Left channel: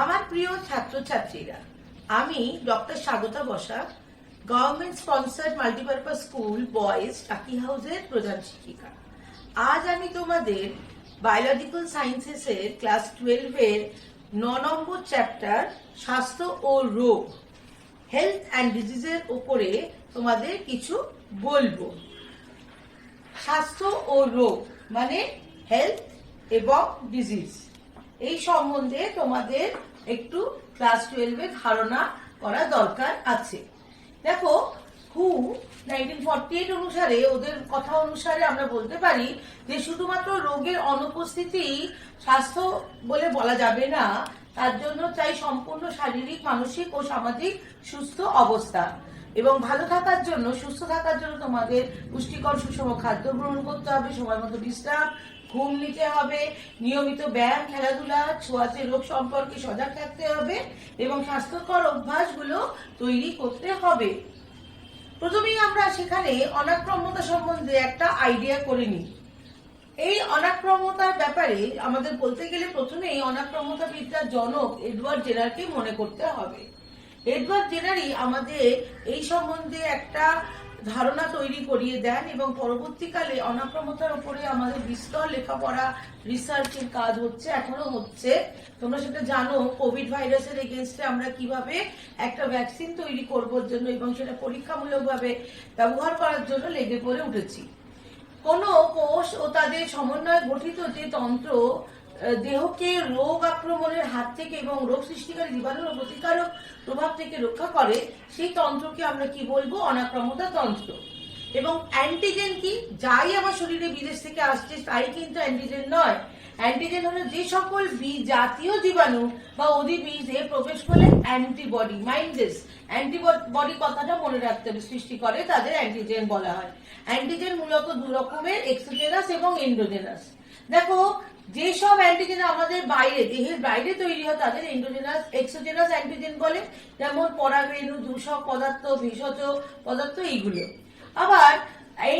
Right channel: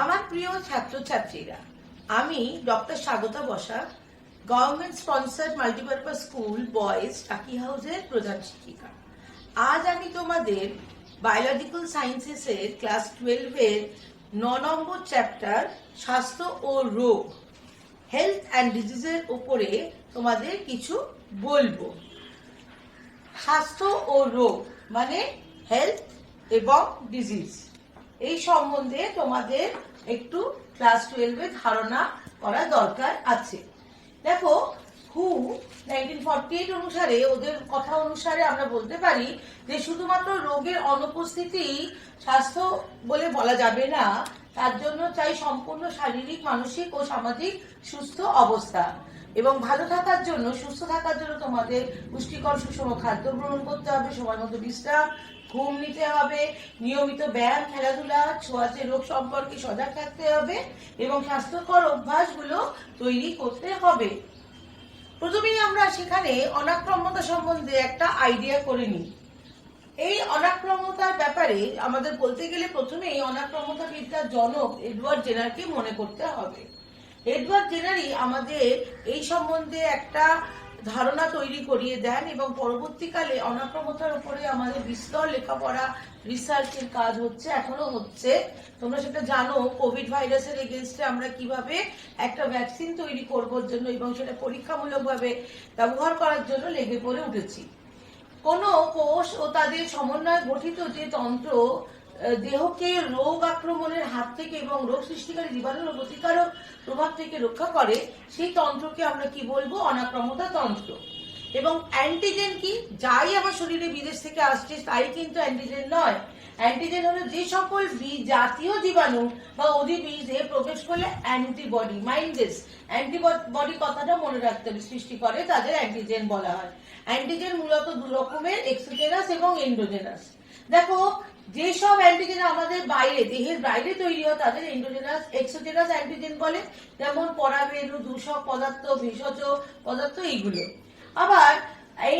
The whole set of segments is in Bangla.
আমার প্রিয় ছাত্রছাত্রীরা, আমি doctor Swagata Basak, government sponsored multipurpose school boys টাকি হাউসের প্রধান শিক্ষিকা। আজ আমি তোমাদের বায়োলজিক্যাল সায়েন্সেসের ক্লাস 12 এর 9 নম্বর চ্যাপ্টার স্বাস্থ্য ও রোগ, হেলথ অ্যান্ড ডিজিজের উপরে তোমাদের কিছু বলবো। স্বাস্থ্য ও রোগ মানে হেলথ এবং ডিজিজ, এই সম্বন্ধে তোমাদের একটু ক্লাস 12 এ ধারণা করা দরকার আছে। দেখো, হু 1948 অনুসারে, ওদের কথা অনুসারে আমরা বলতে পারি যে শুধুমাত্র রোগের অনুপস্থিতি স্বাস্থ্য বলে বলা যাবে না, তার জন্য চাই সম্পূর্ণ শারীরিক, মানসিক ও সামাজিক সুস্থ অবস্থা। এবং ভালো থাকার জন্য, সুস্থ থাকার জন্য তোমাদের পুষ্টিকর সুষম খাদ্য গ্রহণ করতে হবে, সময় মতো বিশ্রাম, ঘুম নিতে হবে, নিয়মিত ব্যায়াম, খেলাধুলা, ছোঁয়াচে রোগ সম্পর্কে সজাগ থাকতে হবে এবং স্বাস্থ্যকর অভ্যাসগুলো তৈরি করতে হবে। প্রথমেই আমরা সেখানে অনাক্রম্যতা সম্বন্ধে একটা আইডিয়া করে নিই। এই অনাক্রম্যতার ব্যাপারে আমাদের বলতে গেলে প্রথমেই অনাক্রম্যতা বিদ্যার জনক এডওয়ার্ড জেনারকে মনে করতে হবে। এডওয়ার্ড জেনারই আমাদের এই সম্বন্ধে একটা ধারণা তৈরি করিয়ে দেন এবং পরবর্তীকালে অনাক্রম্যতার উপরে আমাদের বিস্তর লেখাপড়া, রিসার্চের কাজ হচ্ছে, এখনো হচ্ছে। তোমরা সেটা জানো, কোভিড ভাইরাসের এগেইনস্টে আমরা কিভাবে একটা ভ্যাকসিন তৈরি করবার জন্য এবং সেটা পরীক্ষামূলকভাবে ব্যবহার করার জন্য লেগে পড়ে উঠেছি। কোন কোষ ও তাদের সমন্বয়ে গঠিত যে তন্ত্র দেহকে রোগ আক্রমণের হাত থেকে এবং রোগ সৃষ্টিকারী জীবাণু ও প্রতিকারক প্রভাব থেকে রক্ষা করে, সেই তন্ত্রকে আমরা কি বলবো? অনাক্রম্যতা তন্ত্র। এবং অ্যান্টিজেন কি? যাই আমার শরীরে বিদেশ থেকে আসছে তাই কিন্তু অ্যান্টিজেন নয়। অ্যান্টিজেন হলো যে সকল জাতীয় জীবাণু বা অধিবীজে প্রবেশ করলে অ্যান্টিবডি, মাইন্ডেস অ্যান্টিবডি কথাটা মনে রাখতে হবে, সৃষ্টি করে, তাদের অ্যান্টিজেন বলা হয়। অ্যান্টিজেন মূলত দু রকমের, এক্সোজেনাস এবং এন্ডোজেনাস। দেখো, যেসব অ্যান্টিজেন আমাদের বাইরে, দেহের বাইরে তৈরি হয় তাদের এক্সোজেনাস অ্যান্টিজেন বলে, যেমন পরাগরেণু, দূষক পদার্থ, ভেষজ পদার্থ, এইগুলো। আবার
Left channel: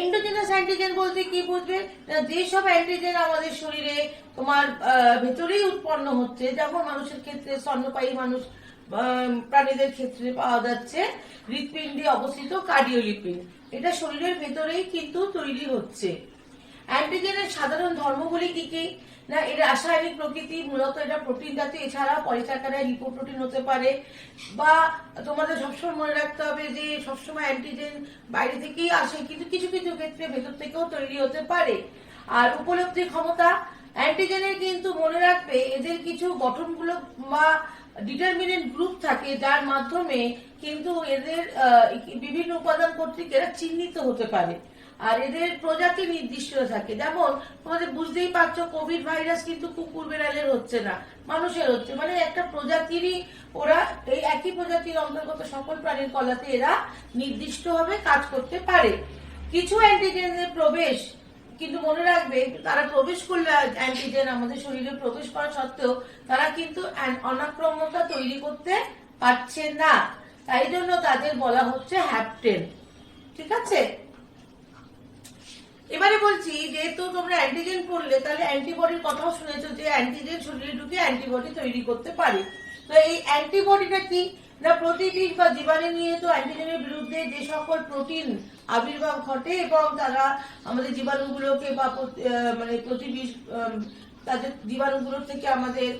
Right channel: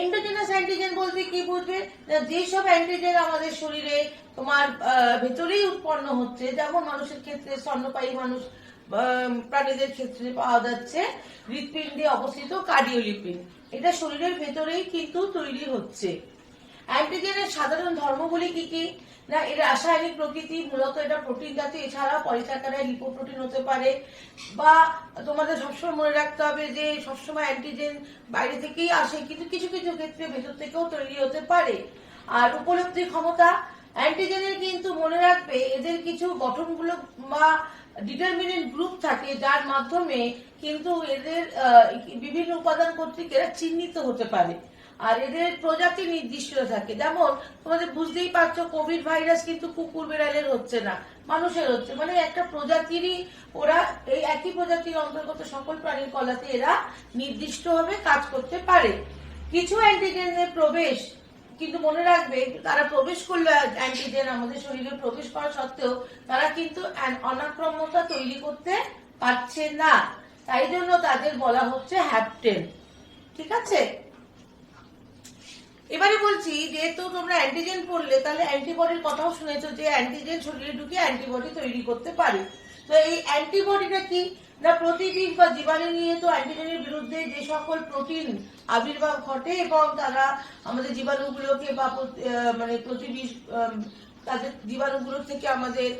এন্ডোজেনাস অ্যান্টিজেন বলতে কি বুঝবে? যেসব অ্যান্টিজেন আমাদের শরীরে তোমার ভেতরেই উৎপন্ন হচ্ছে, যেমন মানুষের ক্ষেত্রে, স্তন্যপায়ী মানুষ, প্রাণীদের ক্ষেত্রে পাওয়া যাচ্ছে হৃৎপিণ্ডে অবস্থিত কার্ডিওলিপিড, এটা শরীরের ভেতরেই কিন্তু তৈরি হচ্ছে। অ্যান্টিজেনের সাধারণ ধর্মগুলি কি কি? না, এর রাসায়নিক প্রকৃতি, মূলত এটা প্রোটিন জাতীয়, এছাড়া পলিস্যাকারাইড, লিপোপ্রোটিন হতে পারে। বা তোমাদের সবসময় মনে রাখতে হবে যে সবসময় অ্যান্টিজেন বাইরে থেকেই আসে, কিন্তু কিছু কিছু ক্ষেত্রে ভেতর থেকেও তৈরি হতে পারে। আর উপলব্ধির ক্ষমতা, অ্যান্টিজেনের কিন্তু মনে রাখবে এদের কিছু গঠনগুলো বা ডিটারমিনেন্ট গ্রুপ থাকে, যার মাধ্যমে কিন্তু এদের বিভিন্ন উপাদান কর্তৃক এরা চিহ্নিত হতে পারে। আর এদের প্রজাতি নির্দিষ্ট থাকে, যেমন তোমাদের বুঝতেই পারছো কোভিড ভাইরাস কিন্তু কুকুর বেড়ালের হচ্ছে না, মানুষের হচ্ছে, মানে একটা প্রজাতিরই ওরা, এই একই প্রজাতির অন্তর্গত সকল প্রাণীর কলাতে এরা নির্দিষ্টভাবে কাজ করতে পারে। কিছু অ্যান্টিজেনের প্রবেশ কিন্তু মনে রাখবে, তারা প্রবেশ করলে অ্যান্টিজেন আমাদের শরীরে প্রবেশ করা সত্ত্বেও তারা কিন্তু অনাক্রম্যতা তৈরি করতে পারছে না, তাই জন্য তাদের বলা হচ্ছে হ্যাপটেন। ঠিক আছে, এবারে বলছি, যেহেতু তোমরা অ্যান্টিজেন পড়লে তাহলে অ্যান্টিবডির কথাও শুনেছো যে অ্যান্টিজেন শরীরে ঢুকে অ্যান্টিবডি তৈরি করতে পারে। তো এই অ্যান্টিবডিটা কি? না, প্রতিবিষ বা জীবাণু নির্মিত অ্যান্টিজেনের বিরুদ্ধে যে সকল প্রোটিন আবির্ভাব ঘটে এবং তারা আমাদের জীবাণুগুলোকে বা মানে প্রতিবিষ তাদের জীবাণুগুলোর থেকে আমাদের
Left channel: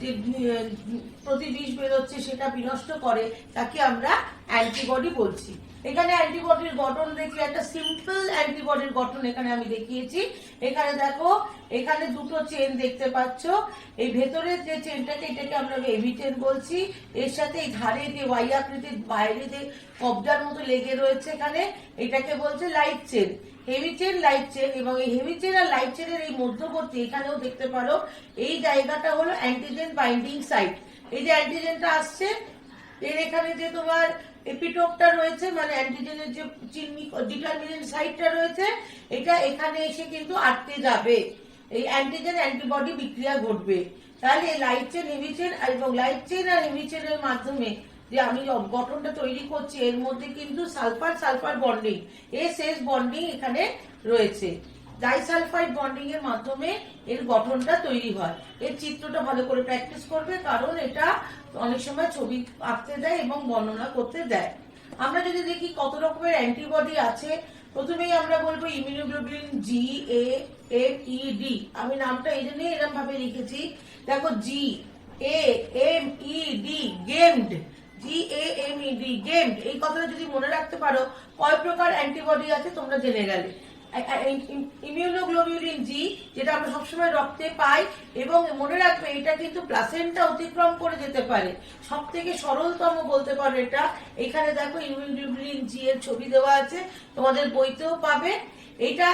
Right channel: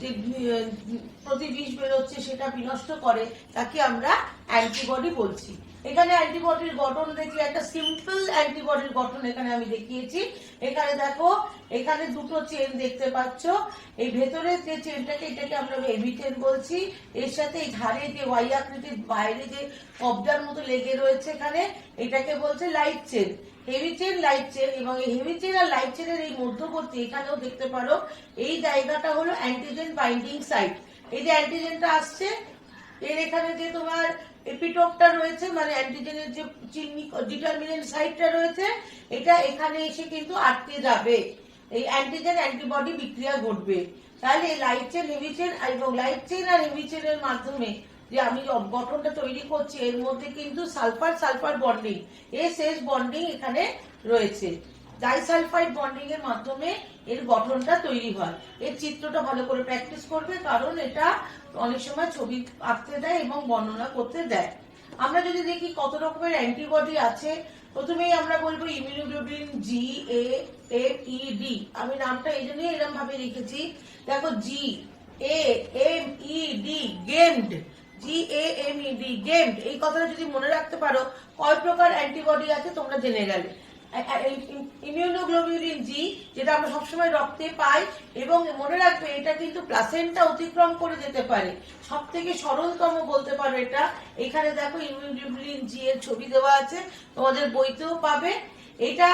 যে প্রতিবিষ বেরোচ্ছে সেটা বিনষ্ট করে, তাকে আমরা অ্যান্টিবডি বলছি। এখানে অ্যান্টিবডির গঠন দেখলে একটা সিম্পল অ্যান্টিবডির গঠন এখানে আমি দেখিয়েছি। এখানে দেখো, এখানে দুটো চেন দেখতে পাচ্ছ। এই ভেতরের যে চেনটাকে, এটাকে আমরা হেভি চেন বলছি। এর সাথে এই ধারে যে ওয়াই আকৃতির বাইরে যে কবজার মতো লেগে রয়েছে এখানে, এটাকে বলছে light chain, heavy chain, light chain. এবং এই হেভি চেন আর লাইট চেনের এই মধ্যবর্তী, এখানেও দেখতে পারো, এই জায়গাটা হলো অ্যান্টিজেন বাইন্ডিং সাইট। এই যে অ্যান্টিজেনটা আসছে, এর এখানে যে তোমার এপিটোপটা রয়েছে, মানে অ্যান্টিজেনের যে ডিটারমিনেন্ট সাইটটা রয়েছে, এটা এখানে এসে কিন্তু আটকে যাবে, এই অ্যান্টিজেন অ্যান্টিবডি বিক্রিয়া ঘটবে। তাহলে লাইট চেন, হেভি চেন এবং লাইট চেন আর হেভি চেনের মাধ্যমে যে আমি গঠনটা তৈরি করছি, এর মধ্যে কিন্তু sulphur sulphur bonding, S bonding এখানে রয়েছে। ডাইসালফাইড বন্ডিং এর মাধ্যমে এর গঠনটা তৈরি হয়। এর চিত্রটা ভালো করে প্র্যাকটিস করবে, কারণ এটা অনেক সময় ছবি আঁকতে দেয় এবং বর্ণনা করতে দেয়। আমরা যদি দেখি কত রকমের অ্যান্টিবডি আছে, প্রথমেই আমরা বলবো immunoglobulin G A M E D. আমি নামটা এই জন্যই এরকম ভাবে লিখেছি, দেখো G A M E D, gamed, G A M E D, gamed. এই কথাটা যদি মনে রাখতে পারো, কয় প্রকার অ্যান্টিবডি আছে তোমরা জেনে গেলে। ইমিউনোগ্লোবুলিন জি, যেটা আমরা সবসময় রক্তে পাই, এবং মনে রাখবে এটা কিন্তু প্লাসেন্টা অতিক্রম করে যেতে পারে। সব থেকে সরলতম বলতে পারো এটা। এখানে দেখো ইমিউনোগ্লোবুলিন জি এর ছবি দেওয়া আছে, তোমাদের বইতেও পাবে। এটা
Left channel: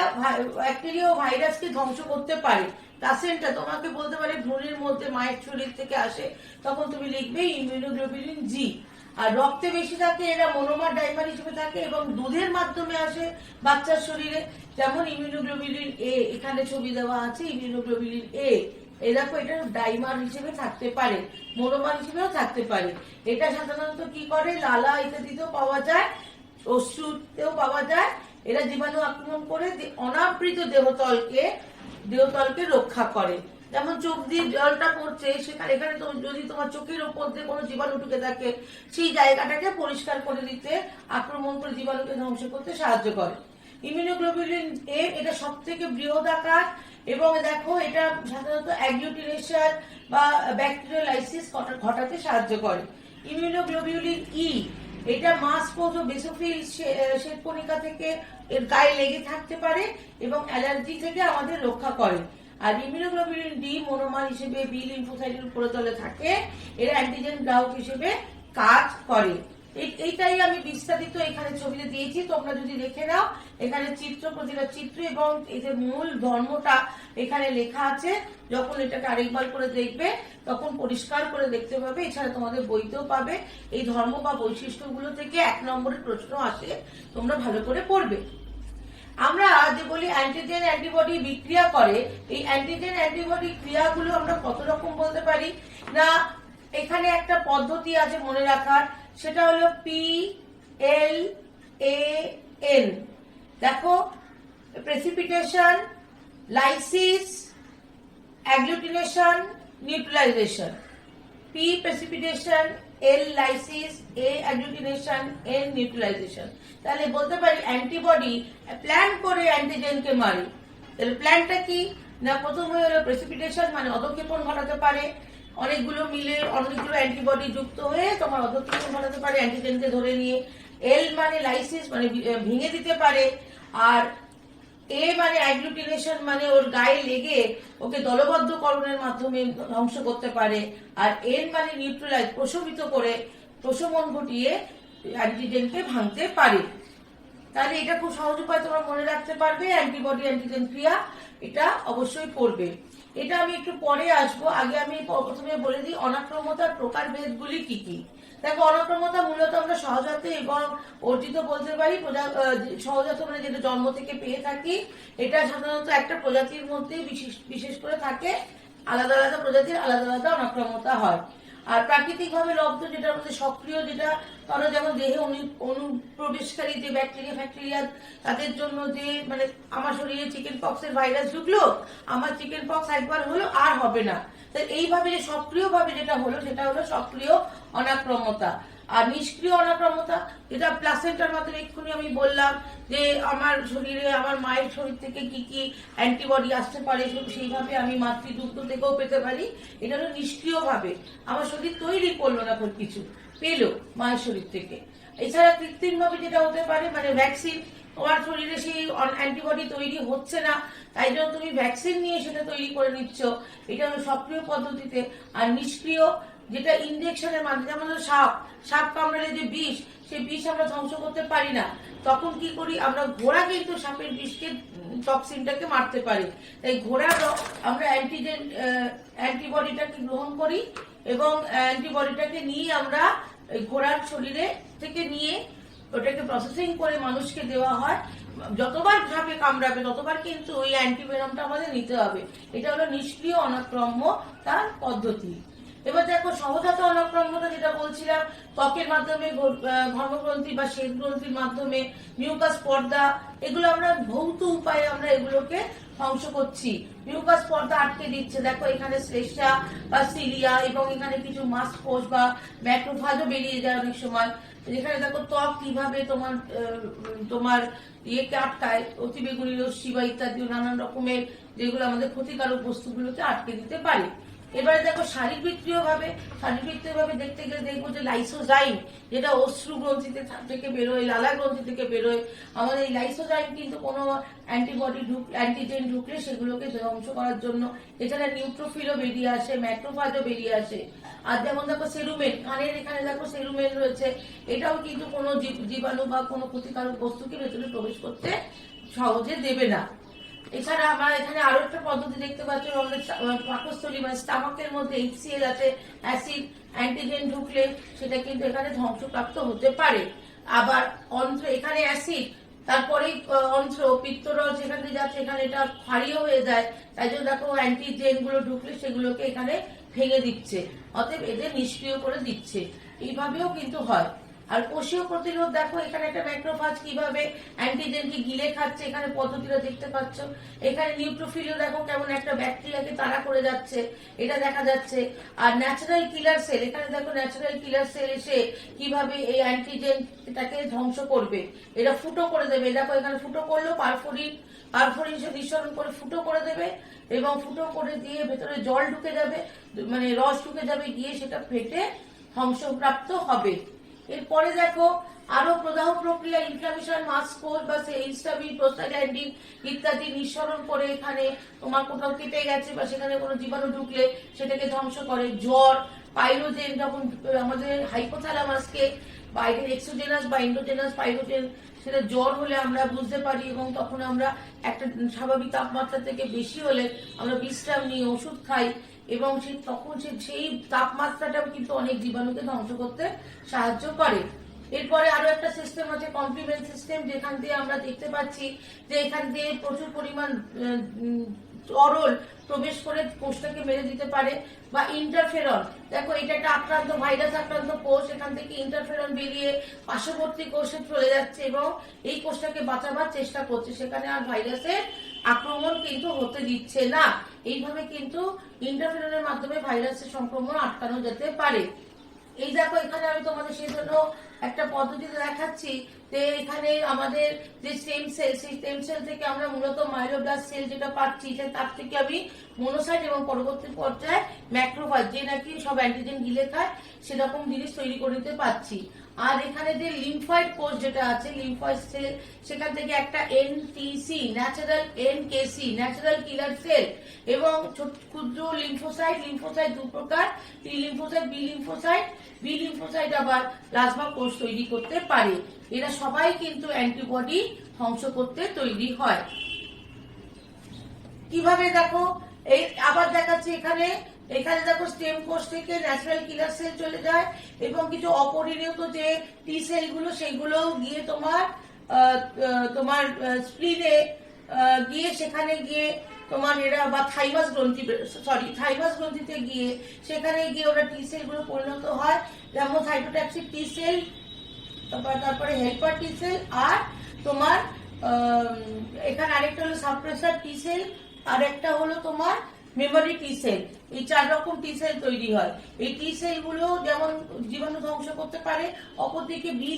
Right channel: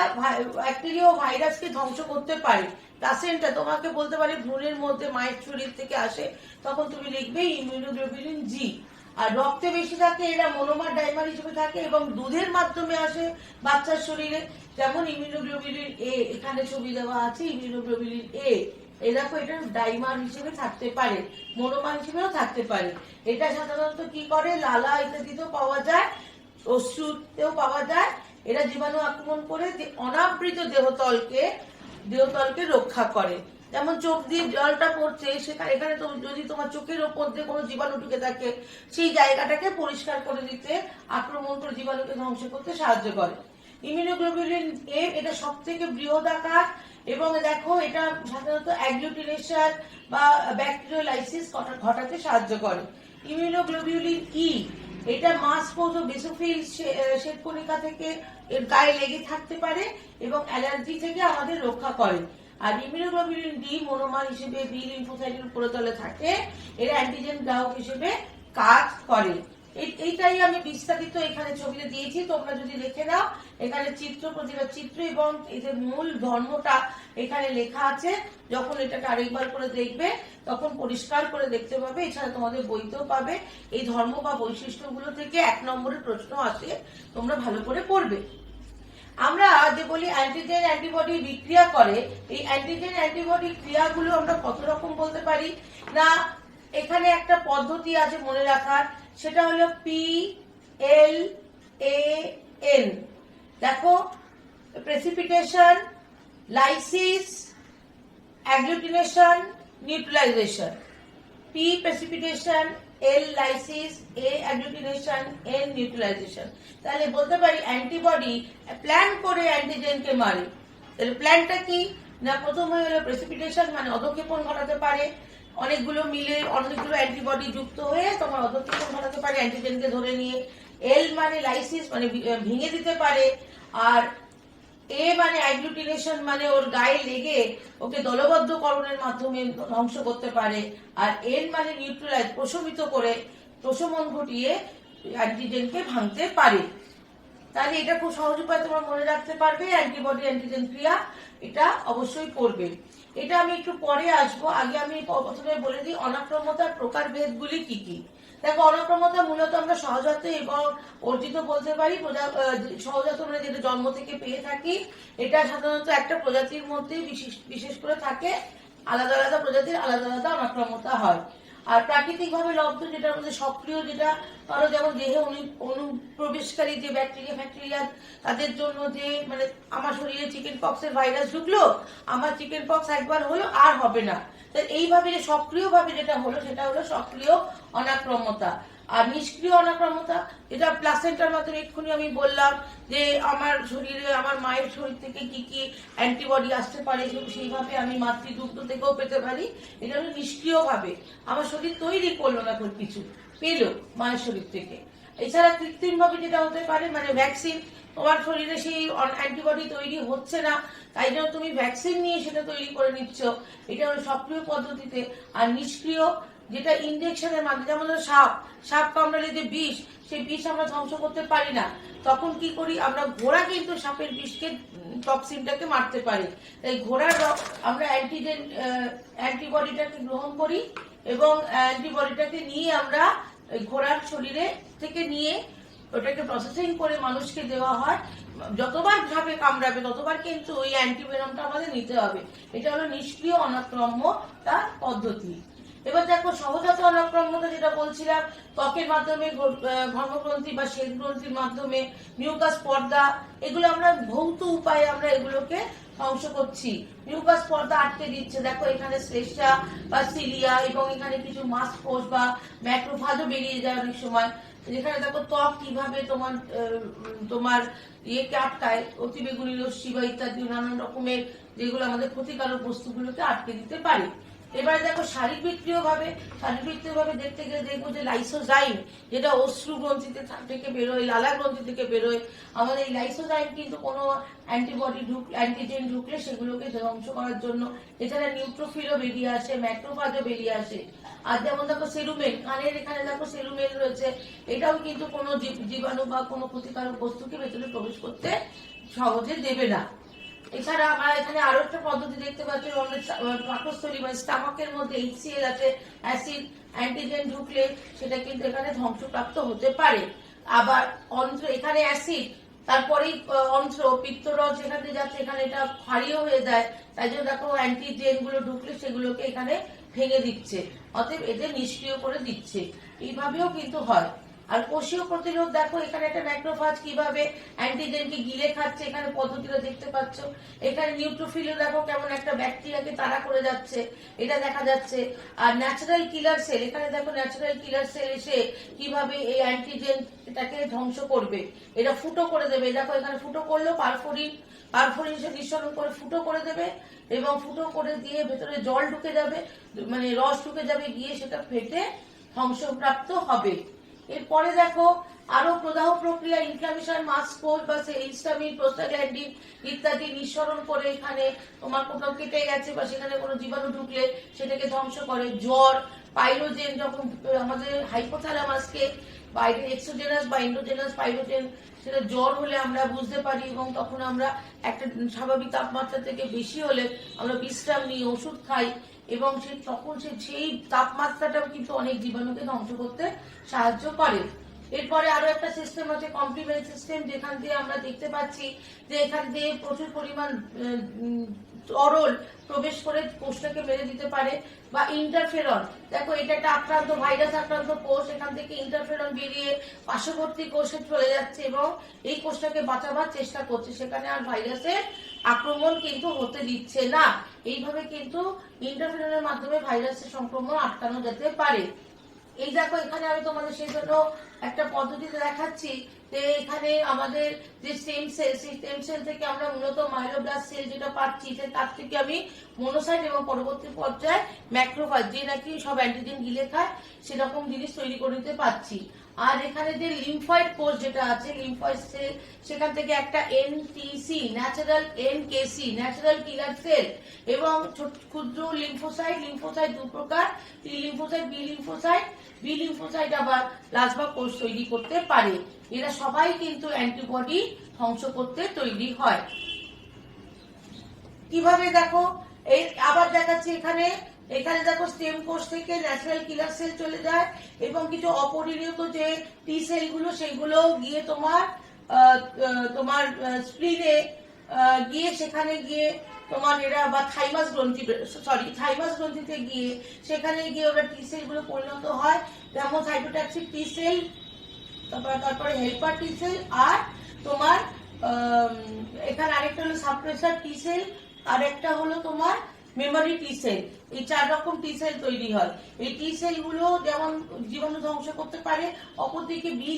ব্যাকটেরিয়া ও ভাইরাসকে ধ্বংস করতে পারে। প্লাসেন্টা তোমাকে বলতে পারে ভ্রূণের মধ্যে মায়ের শরীর থেকে আসে, তখন তুমি লিখবে ইমিউনোগ্লোবুলিন জি। আর রক্তে বেশি থাকে এরা মনোমার ডাইমার হিসেবে থাকে, এবং দুধের মাধ্যমে আসে বাচ্চার শরীরে, যেমন ইমিউনোগ্লোবুলিন এ, এখানে ছবি দেওয়া আছে ইমিউনোগ্লোবুলিন এ। এই দেখো এটা ডাইমার হিসেবে থাকতে পারে, মনোমার হিসেবেও থাকতে পারে। এটা সাধারণত কি করে, লালা ইত্যাদিতেও পাওয়া যায়, অশ্রুতেও পাওয়া যায়। এরা জীবাণু আক্রমণ করে অনাবৃত দেহতলকে রক্ষা করে। যেমন চোখ দিয়ে জলটা পড়ছে, সেখানে এখানে যদি তোমার চোখের ওপর দিয়ে কোনো জীবাণু ঢুকে থাকে, সেই জায়গাটাকে পরিষ্কার করে দিতে, আক্রমণ করে জীবাণুকে ধ্বংস করতে সাহায্য করে। ইমিউনোগ্লোবুলিন এ, এটা সব থেকে বৃহদাকার, এবং দেখো এটা সাধারণত অ্যাগ্লুটিনেশন বা ব্যাকটেরিয়ালাইসিস ঘটাতে সাহায্য করে। ইমিউনোগ্লোবুলিন ই, এটা মাসপোজ ও বেসোফিল শ্বেতকণিকা থেকে এর গায়ে লেগে থাকতে পারে এবং অ্যালার্জি থেকে আমাদের রক্ষা করে। আর ইমিউনোগ্লোবুলিন ডি মনোমার হিসেবে বি লিম্ফোসাইটের উপরতলে থাকে, এরা অ্যান্টিজেন গ্রাহক হিসেবে কাজ করে। এইটাই আমি বিস্তারিত এখানে ছবিতে দিয়েছি, তোমরা যদি দেখে নাও, এখানে চিত্র, প্রতিটা চিত্র এবং এই যে মূল ধর্মটা এখানে লেখা আছে। যখন এটাকে আরেকবার করে দেখবে তখন পরিষ্কার করে দেখতে পাবে। এছাড়া তোমাদের বইতেও পাবে। এই ধর্ম বা বৈশিষ্ট্যগুলো থেকে 1 নম্বরের প্রশ্ন আসে, তোমরা ভালো করে পড়বে। আমরা যে বলি অ্যান্টিজেন অ্যান্টিবডি বিক্রিয়া করে, এই অ্যান্টিজেন অ্যান্টিবডি ক্রিয়াগুলো আমরা কত রকম বলতে পারি না, এখানে একটা পদ্ধতি আছে মনে রাখার, সেটা হলো PLAN। দেখো, precipitation, lysis, agglutination, neutralisation. P precipitation, L lysis, A agglutination, N neutralisation. তাহলে বলতে পারি অ্যান্টিবডি প্ল্যান করে অ্যান্টিজেনকে মারে। এর প্ল্যানটা কি না, প্রথম হয়ে গেল প্রেসিপিটেশন, মানে অধঃক্ষেপণ ঘটাতে পারে, অনেকগুলো মিলে অনেকগুলো অ্যান্টিবডি যুক্ত হয়ে তোমার অধঃক্ষেপণ ঘটাতে পারে অ্যান্টিজেনকে ধরে নিয়ে। এল মানে লাইসিস, মানে ভেঙে দিতে পারে। আর এ মানে অ্যাগ্লুটিনেশন, মানে ওর গায়ে লেগে ওকে দলবদ্ধকরণের মাধ্যমে ধ্বংস করতে পারে। আর এন মানে নিউট্রালাইজ, প্রশমিত করে, প্রশমন ঘটিয়ে অ্যান্টিজেনকে ভাঙতে পারে। তাহলে এটা খুব সহজ উপায় তোমরা মনে রাখতে পারবে, অ্যান্টিবডি অ্যান্টিজেন ক্রিয়া, এটা অবশ্যই পড়বে। এটা আমি একটু পরে আসবো, আগে আমি প্রথমে বলে দিই অনাক্রম্যতার প্রকারভেদগুলি কি কি। দেখো, অনাক্রম্যতা মূলত আমরা সহজাত এবং অর্জিত বলতে পারি। সহজাত মানে যেটা জন্ম থেকে পেয়ে থাকি, এটা সাধারণত একটা প্রজাতির মধ্যেই বিশেষ করে থাকে। আলাদা আলাদা প্রজাতির আলাদা আলাদা অনাক্রম্যতা হয়। আর প্রাকৃতিক ভাবে লব্ধ, যেটা আমাদের সক্রিয়, যেটা ধরো যেমন দেহে অনুপ্রবেশকারী যে ব্যাকটেরিয়া তাদের জন্য, যে মানে আমার শরীরে চিকেন পক্সের ভাইরাস ঢুকলো, আমার চিকেন পক্স একবার হলো আর হবে না, এইভাবে যে সক্রিয় ভাবে যেটা হলো সেটা হলো সক্রিয় অনাক্রম্যতা। আর নিষ্ক্রিয় অনাক্রম্যতা, যেটা প্লাসেন্টার মাধ্যমে এক্ষুনি আমি বললাম যে আমার শরীরে, আমার মায়ের শরীর থেকে কি কি অ্যান্টিবডি আসতে পারে, সেইভাবে আমি মাতৃদুগ্ধ থেকেও পেতে পারি। এটা হলো নিষ্ক্রিয় ভাবে, আমার শরীর তৈরি করলো না, কিছু পেলো মায়ের শরীর থেকে। এছাড়া কৃত্রিম ভাবে যেটা হতে পারে, মানে ভ্যাকসিন, তোমার শরীরে সেই অ্যান্টিবডি তৈরি হচ্ছে না, তাই জন্য তুমি ভ্যাকসিন নিয়ে সেটা তৈরি করে নিচ্ছ, এটা হলো সক্রিয় পদ্ধতিতে। আর নিষ্ক্রিয়, যেটা ইনজেকশনের মাধ্যমে, যেমন সাপ কামড়ালে যে বিষ, সেই বিষ আমরা ধ্বংস করতে পারি না, তখন কি করি আমরা, ঘোড়া কিন্তু সাপের বিষকে, টক্সিনটাকে মারতে পারে। তাই ঘোড়ার আমরা অ্যান্টিবডিটাকে গ্রহণ করি, এবং অ্যান্টিবডিটাকে নিয়ে আমরা ঘোড়ার শরীরে থেকে নিয়ে ওটাকে প্রসেসিং করে মানুষকে দেওয়া হয়। যতবার সাপে কামড়াবে ততবার কিন্তু ওই অ্যান্টিভেনমটা আমাদের নিতে হবে। এটা হলো নিষ্ক্রিয় অনাক্রম্য তার পদ্ধতি। এবার দেখো সহজাত অনাক্রাম্যতা যেটা বলছিলাম, ত্বকের মাধ্যমে, ধর্মগ্রন্থি বা শ্বেত গ্রন্থির মাধ্যমে, মিউকাস পর্দা, এগুলো আমরা ভৌত উপায়ে আমরা এগুলোকে ধ্বংস করছি। মিউকাস পর্দা আটকে দিচ্ছে। দেখো এখানে শ্লেষ্মা বা সিলিয়া এবং এখানে কিছু মাংসকোষ বা ম্যাক্রোফাজও বেরিয়ে যায় অনেক সময়। যেখানে দেখো ত্বক কিভাবে তোমার তোমার ইয়েকে আটকায়, অতিবেগুনি রশ্মি বা ইত্যাদি নানান রকমের যেগুলো আমাদের ক্ষতিকারক বস্তুগুলোকে আটকে দিতে পারে। এবারে দেখো শারীরবৃত্তীয় ভাবে দেখতে গেলে দেখবো যে লাইসোজাইম, যেটা অশ্রু গ্রন্থিতে থেকে বেরোয়, লালা গ্রন্থি থেকে বেরোয়, আমাদের এই লাইসোজাইম কিন্তু কোনো অ্যান্টিজেন ঢুকলে সেগুলোকে ধ্বংস করার জন্য। এখানে নিউট্রোফিলও বেরিয়ে আসে, ম্যাক্রোফাজও বেরিয়ে আসে। আর যেমন দেখো সেরুমেন, কানের এখানে দেখো সেরুমেন রয়েছে, এটাও কিন্তু কোনো জীবাণু বা কোনো ক্ষতিকারক বস্তুকে ভেতরে প্রবেশ করতে সহজে দেবে না। এছাড়া আমরা এখানে আরো একটা পদ্ধতি দেখতে পাচ্ছি, আমাদের পাকস্থলী বা স্টামাকের মধ্যে HCl আছে, অ্যাসিড, অ্যান্টিজেন ঢুকলে সেটা কিন্তু এখানে ধ্বংসপ্রাপ্ত হতে পারে। আবার অন্ত্র, এখানে অ্যাসিড, তারপরেই অন্ত্র, পিত্তরস যেখান দিয়ে যাচ্ছে এখানে এটা ক্ষারীয় হয়ে যায়, তাই জন্য দেখো অ্যান্টিজেন গুলো ঢুকলে সেগুলোকে এখানে ভেঙে দিচ্ছে, অতএব এদের নিষ্ক্রিয় করে দিচ্ছে। এইভাবেও কিন্তু হয়। আর কোষীয় প্রতিরোধ দেখো এখানে একটা ম্যাক্রোফাজ কিভাবে অ্যান্টিজেনকে গিলে খাচ্ছে, এখানে পদ্ধতিটা দেখতে পাচ্ছ। এখানে নিউট্রোফিলও দেখো কেমন একটা ব্যাকটেরিয়াকে তাড়া করে যাচ্ছে, এটা দেখা যাচ্ছে। আর ন্যাচারাল কিলার সেল, এখানে দেখো ন্যাচারাল কিলার সেল এসে কিভাবে এই অ্যান্টিজেন এটাকে ধ্বংস করবে, এটা ফুটো করে দেবে। দেখো এখানে ফুটো করলো, পারফোরিন নিঃসরণ করে ফুটো করে দেবে, এবং ফুটো করে দিয়ে ভেতরে জল ঢুকে যাবে, মানে রস ঢুকে যাবে, গিয়ে সেটা ফেটে ধ্বংসপ্রাপ্ত হবে। এরপরে দেখো আরো প্রদাহ প্রক্রিয়া, ইনফ্লামেশন, মাংসকোষ বা হিস্টামিন, প্রোস্টাগ্ল্যান্ডিন ইত্যাদি নিঃসরণ করে এখানে তোমার কোথাও কেটে গেছে বা সেখানে কোনো জীবাণু ঢুকলে সেটাকে ধ্বংস করে। জ্বর, পাইরোজেন, যখন আমাদের হাইপোথ্যালামাসকে বাইরের এক্সোজেনাস বা এন্ডোজেনাস পাইরোজেন, সেটা জ্বর হলে আমরা বুঝতে পারি, এবং তখন আমরা একটা স্বাভাবিক তাপমাত্রা থেকে বেশি হলে আমরা বিশ্রাম নিই, ওষুধ খাই, এবং তখন সেই তাপমাত্রাটাও কিন্তু অনেক জীবাণুকে ধ্বংস করতে সাহায্য করে। এরপরে আরো একটা সিস্টেম আছে কমপ্লিমেন্ট সিস্টেম, যেখান দিয়ে আমরা দেখতে পাচ্ছি যে এখান দিয়ে প্রচুর পরিমাণ তরল প্রবেশ করে কোষটাকে মেরে দিতে পারে। বা ইন্টারফেরন, দেখো এটা একটা আক্রান্ত ভাইরাস আক্রান্ত কোষ, এখান থেকে ইন্টারফেরন বেরিয়ে পার্শ্ববর্তী কোষে চলে যাচ্ছে এবং এই কোষটাকে বাঁচাবার চেষ্টা করছে, সেখানে আর ভাইরাসের আক্রমণ কিন্তু হতে দিচ্ছে না। এইভাবে কিন্তু ইন্টারফেরনের মাধ্যমে ভাইরাসের সংক্রমণ আটকানো যেতে পারে। এই দেখো এখানে আমি তোমাদের সেই জন্য একটা পদ্ধতিতে দেখাচ্ছি যে এখানে আমাদের যে স্টেম সেল, সেই স্টেম সেল থেকে আমরা মূলত মাইলোব্লাস্ট সেল যেটা পাচ্ছি, তার থেকে আমি মনোসাইট এবং পরবর্তী পর্যায়ে ম্যাক্রোফাজ, যে নাকি সব অ্যান্টিজেন গিলে খায়, সেরকম জিনিস তৈরি করে নিতে পারছি। আর এখানে যে লিম্ফয়েড কোষ যেটা আছে, লিম্ফয়েড সেল, সেখান থেকে একটা এনটিসি, ন্যাচারাল এনকেসি, ন্যাচারাল কিলার সেল, এবং ক্ষুদ্র লিম্ফোসাইট দু প্রকার, টি লিম্ফোসাইট, বি লিম্ফোসাইট আবার প্লাজমা কোষ তৈরি করতে পারে। এরা সবাই কিন্তু অ্যান্টিবডি ধ্বংস করতে তৈরি হয়। কিভাবে দেখো, এই আবার দেখাচ্ছি এখানে দেখো স্টেম কোষ থেকে ন্যাচারাল কিলার সেল চলে যায়, এবং কিছু অপরিণত যে টি সেল গুলো, সেগুলো গিয়ে তোমার স্প্লিনে গিয়ে, সেখানে গিয়ে তোমার এরা বা থাইমাস গ্রন্থিতে গিয়ে সেখানে গিয়ে ওরা টি সেল গুলো পরিণত হয়, যেমন সাইটোটক্সিক টি সেল, তারপরে হেল্পার টি সেল, আর তোমার এখানে আরেকটা হলো সাপ্রেসার টি সেল, আর একটা হলো তোমার মেমোরি টি সেল। এই 4 রকম টি সেল তৈরি হয়। এই টি সেল গুলো যেমন জীবাণু ধ্বংস করতে পারে, অপরদিকে বি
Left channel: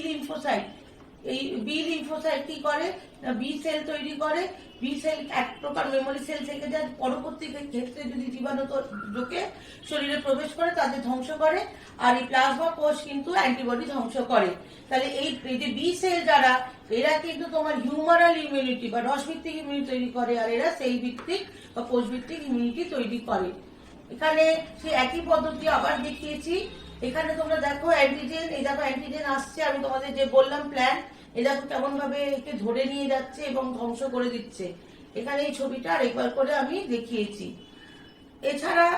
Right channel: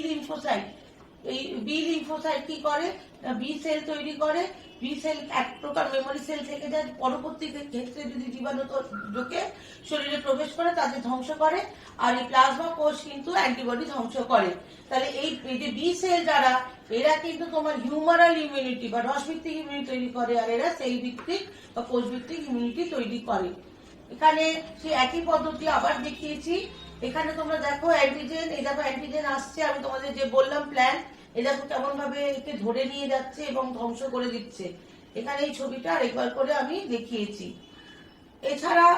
লিম্ফোসাইট কি করে, বি সেল তৈরি করে। বি সেল এক প্রকার মেমোরি সেল থেকে যায়, পরবর্তী ক্ষেত্রে যদি জীবাণু ঢুকে শরীরে প্রবেশ করে তাদের ধ্বংস করে। আর এই প্লাজমা কোষ কিন্তু অ্যান্টিবডি ধ্বংস করে। তাহলে এই যে বি সেল যারা, এরা কিন্তু তোমার হিউমারাল ইমিউনিটি বা রসভিত্তিক ইমিউনিটি তৈরি করে, আর এরা সেল ভিত্তিক বা কোষ ভিত্তিক ইমিউনিটি তৈরি করে। এখানে সেই একই পদ্ধতি আবার দেখিয়েছি। এখানে তোমরা দেখো অ্যান্টিজেন, এই দেখো অ্যান্টিজেন আসছে, আমি তোমাদের যে বললাম প্ল্যান, এই দেখো কেমন ভাবে একে ধরে নিয়ে যাচ্ছে এবং ধ্বংস করে দিচ্ছে। এখানে এই ছবিটা আরেকবার করে আমি দেখিয়েছি। এছাড়া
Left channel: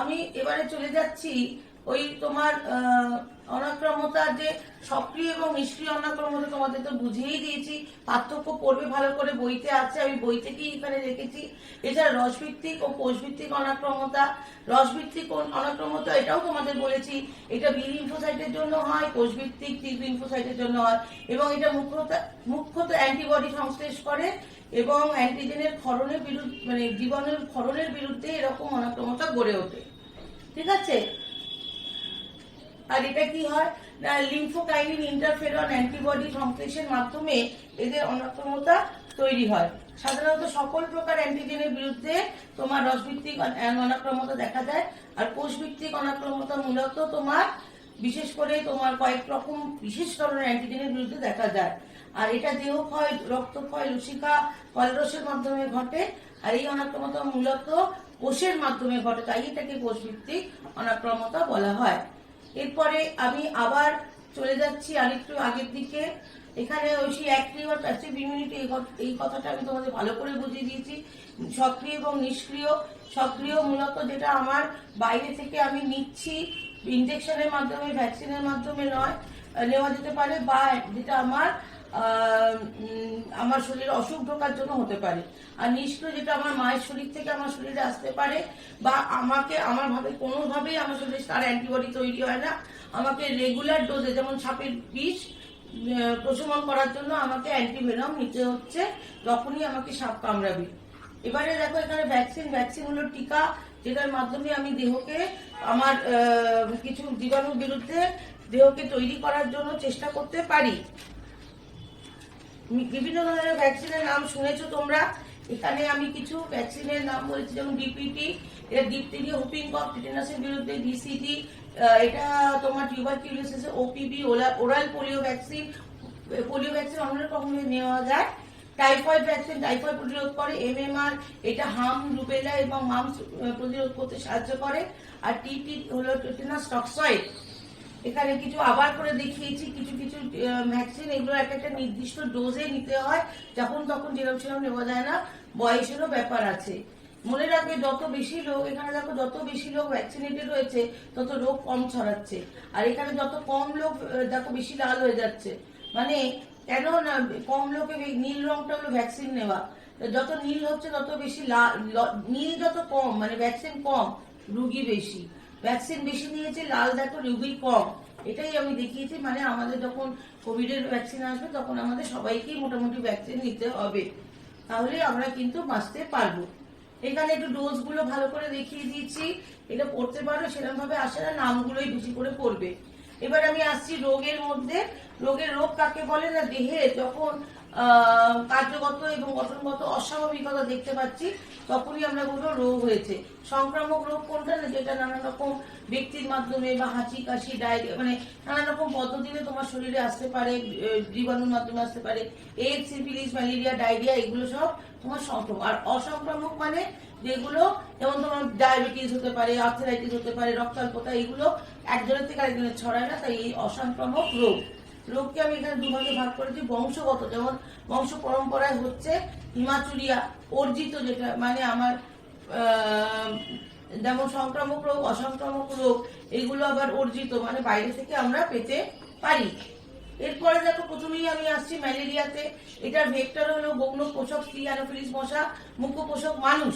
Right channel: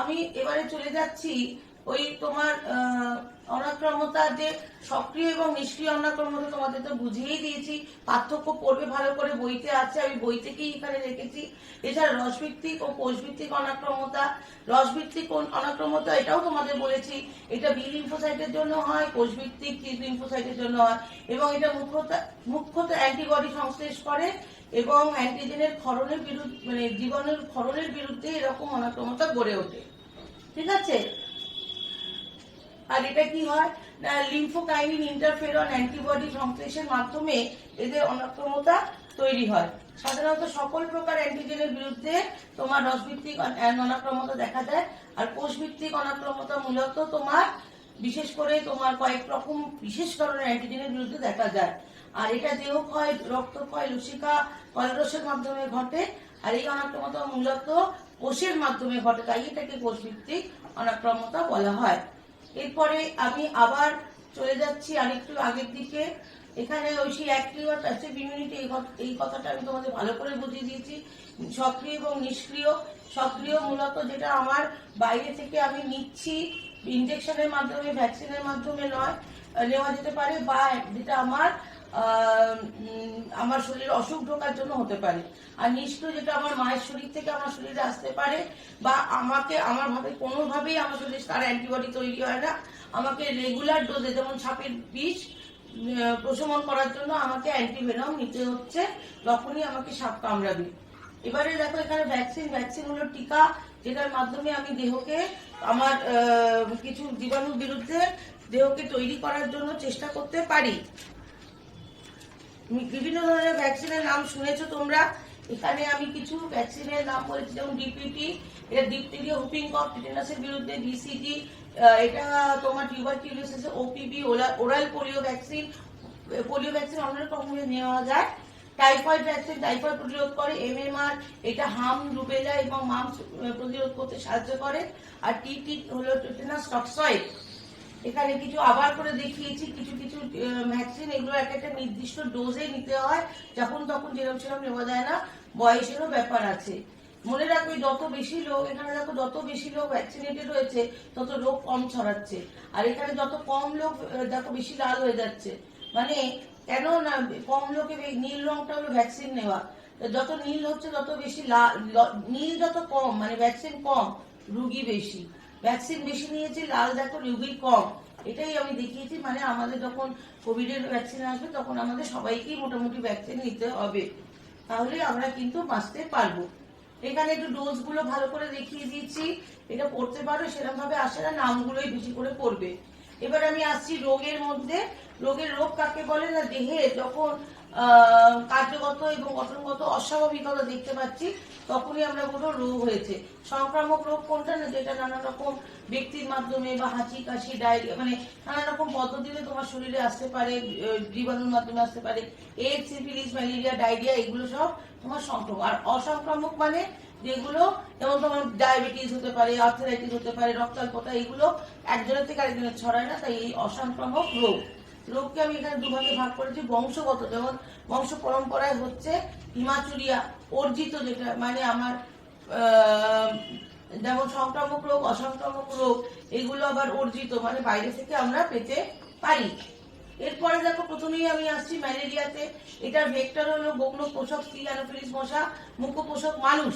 আমি এবারে চলে যাচ্ছি ওই তোমার অনাক্রম্যতার যে সক্রিয় এবং নিষ্ক্রিয় অনাক্রম্যতা তোমাদের তো বুঝিয়েই দিয়েছি, পার্থক্য পড়বে ভালো করে, বইতে আছে, আমি বই থেকেই এখানে রেখেছি। এছাড়া রসভিত্তিক ও কোষভিত্তিক অনাক্রম্যতা, রসভিত্তিক অনাক্রম্যতা এটাও তোমাদের বলেছি, এটা বি লিম্ফোসাইটের জন্য হয়, কোষভিত্তিক টি লিম্ফোসাইটের জন্য হয়, এবং এটা মুখ্যত অ্যান্টিবডি সংশ্লেষ করে এবং অ্যান্টিজেনের ক্ষরণের বিরুদ্ধে, মানে জীবাণুর ক্ষরণের বিরুদ্ধে এরকম অনাক্রম্যতা গড়ে ওঠে। ঠিক আছে? আর এটা কি হয় না, লিম্ফোকাইনিন ইন্টারফেরন অ্যান্টিবডি সংশ্লেষের মাধ্যমে এদের অনাক্রম্যতা তৈরি হয়। সাধারণত সকল প্রকার অ্যান্টিজেনের বিরুদ্ধে তোমার রসভিত্তিক অনাক্রম্যতা দেখা যায়। আর কোষভিত্তিক অনাক্রম্যতা মূলত তোমার বিশেষ করে তোমার কয়েক রকম বিশেষ ধরনের অ্যান্টিজেনের বিরুদ্ধে দেখা যায়। আর এটা দেহক্ষয়, রক্তক্ষয়, লসিকা, কলেরসের মাধ্যমে ঘটে। আর এই অনাক্রম্যতা মূলত কোষের মাধ্যমে ঘটে, তাই এটাকে কোষভিত্তিক অনাক্রম্যতা বলা হয়। এরপরে আমি আবার চলে যাচ্ছি আরেকটু আগের দিকে। এখানে ওই সেই অ্যাক্টিভ আর প্যাসিভ ইমিউনিটি, এই কথাটা আমি তোমাদের ভালো করে বুঝিয়ে দিয়েছি। সক্রিয় এবং নিষ্ক্রিয়। সক্রিয় মূলত যেটা আমার বাইরে থেকে আমি নিচ্ছি, ইনজেকশনের মাধ্যমে, ভ্যাকসিনের মাধ্যমে নয়, নেওয়া যেতে পারে, বা যেটা আমার শরীরে অসুখ ঢোকার জন্য হতে পারে। আর নিষ্ক্রিয় যেটা আমার মায়ের শরীর থেকে আমার শরীরে আসতে পারে, বা আমাকে আমার ভাবে কোনোভাবেই আমার শরীরে তার অ্যান্টিবডি তৈরি হয় না, আমাকে রেগুলার ডোজে, যেমন সাপের বিষ প্রশমন করার জন্য আমাকে অ্যান্টিভেনম নিতে হচ্ছে, তখনই আমাকে সাপ কামড়াবে। এবারে দেখো এখানে ভ্যাকসিন হলো টিকা, যেটার মাধ্যমে আমি দেহকে আমার কিছু জীবাণুর বিরুদ্ধে দেহকে তৈরি করার জন্য চেষ্টা করতে পারি। বিভিন্ন ধরনের ভ্যাকসিনের নাম শুনেছো তোমরা। এখানে আমি কিছু ভ্যাকসিনের নাম বলেছি, যেমন ডিপিটি, এটা ডিপথেরিয়া, হুপিং কফ, টিটেনাসের বিরুদ্ধে, ডিসিটি, এটা তোমার tuberculosis, OPV, oral polio vaccine অনেক রকমের নেওয়া যায়। টাইফয়েড ভ্যাকসিন টাইফয়েড প্রতিরোধ করে। এমএমআর, এটা হাম, রুবেলা এবং মামস প্রতিরোধ করতে সাহায্য করে। আর টিটি হলো টিটেনাস টক্সয়েড। এখানে কিছু আবার করে দেখিয়েছি কিছু কিছু ভ্যাকসিন, এগুলো একটা নির্দিষ্ট ডোজে নিতে হয়, যখন তখন যেরকম সেরকম নেওয়া যায় না, বয়সেরও ব্যাপার আছে। মনে রাখবে যত বেশি লোক, এখানে দেখো যত বেশি লোক ভ্যাকসিনেটেড হয়েছে তত রোগ কম ছড়াচ্ছে। আর এখানে যত কম লোক দেখো বেশি লাল হয়ে যাচ্ছে, মানে কেন না, কম লোকে নীল রংটা হলো ভ্যাকসিন নেওয়া, যত নীল হচ্ছে তত বেশি নীল যত কম, মানে ভ্যাকসিন কম রুগী বেশি, ভ্যাকসিন বেশি নিয়েছে লাল দেখো রুগী কম। এটাই আমি দেখিয়েছি, মানে আমাদের যখন কোভিড এর ভ্যাকসিন আসবে তখন আমাদের সবাইকেই মোটামুটি ভ্যাকসিন নিতে হবে, তাহলে আমরা কিন্তু বাঁচতে পারবো। এখানে একটু ডোজ গুলো ভালো করে দেখিয়ে দিয়েছি, এটা পড়তে পারো, সেরকম ভাবে আসে না, নামগুলোই বেশি করে পড়বে। এবার আমি আসছি রোগের মধ্যে। রোগ কাকে বলে না, দেহে যখন কার্যগত এবং গঠনগত অস্বাভাবিকতা দেখতে পাচ্ছি তখনই আমরা বলবো রোগ হয়েছে। সংক্রামক রোগ কোনটা না, যেটা নানা রকম ব্যক্তির মাধ্যমে বা হাঁচি, কাশি, ডায়রিয়া, মানে নানা রকম পদ্ধতিতে তোমার শরীরে আসতে পারে, জীবাণুর মাধ্যমে আসতে পারে। এইডস, সিফিলিস, ম্যালেরিয়া, ডায়রিয়া, এগুলো সব তোমার সংক্রামক। আর অসংক্রামক মানে যেগুলো, যেমন তোমার ডায়াবেটিস হতে পারে, আর্থ্রাইটিস হতে পারে, রক্তাল্পতা, এগুলো একজনের থেকে আরেকজনের ছড়ায় না, তাই এই অসংক্রামক রোগ। রোগকে আমি এখানে দুভাগে ভাগ করেছি। বংশগত, যেমন বংশ পরম্পরায় হচ্ছে হিমাচুরিয়া, অর্জিত যেটা, মানে আমার যেমন সংক্রামক রোগ, অসংক্রামক রোগ, এগুলো আবার অর্জিত, মানে বাইরে থেকে আমরা পেতে পারি। এরপরে দেখো প্রথমেই আমি আসছি ম্যালেরিয়াতে। এটার ভেক্টর হলো গৌণ পোষক স্ত্রী অ্যানোফিলিস মশা, মুখ্য পোষক মানুষ।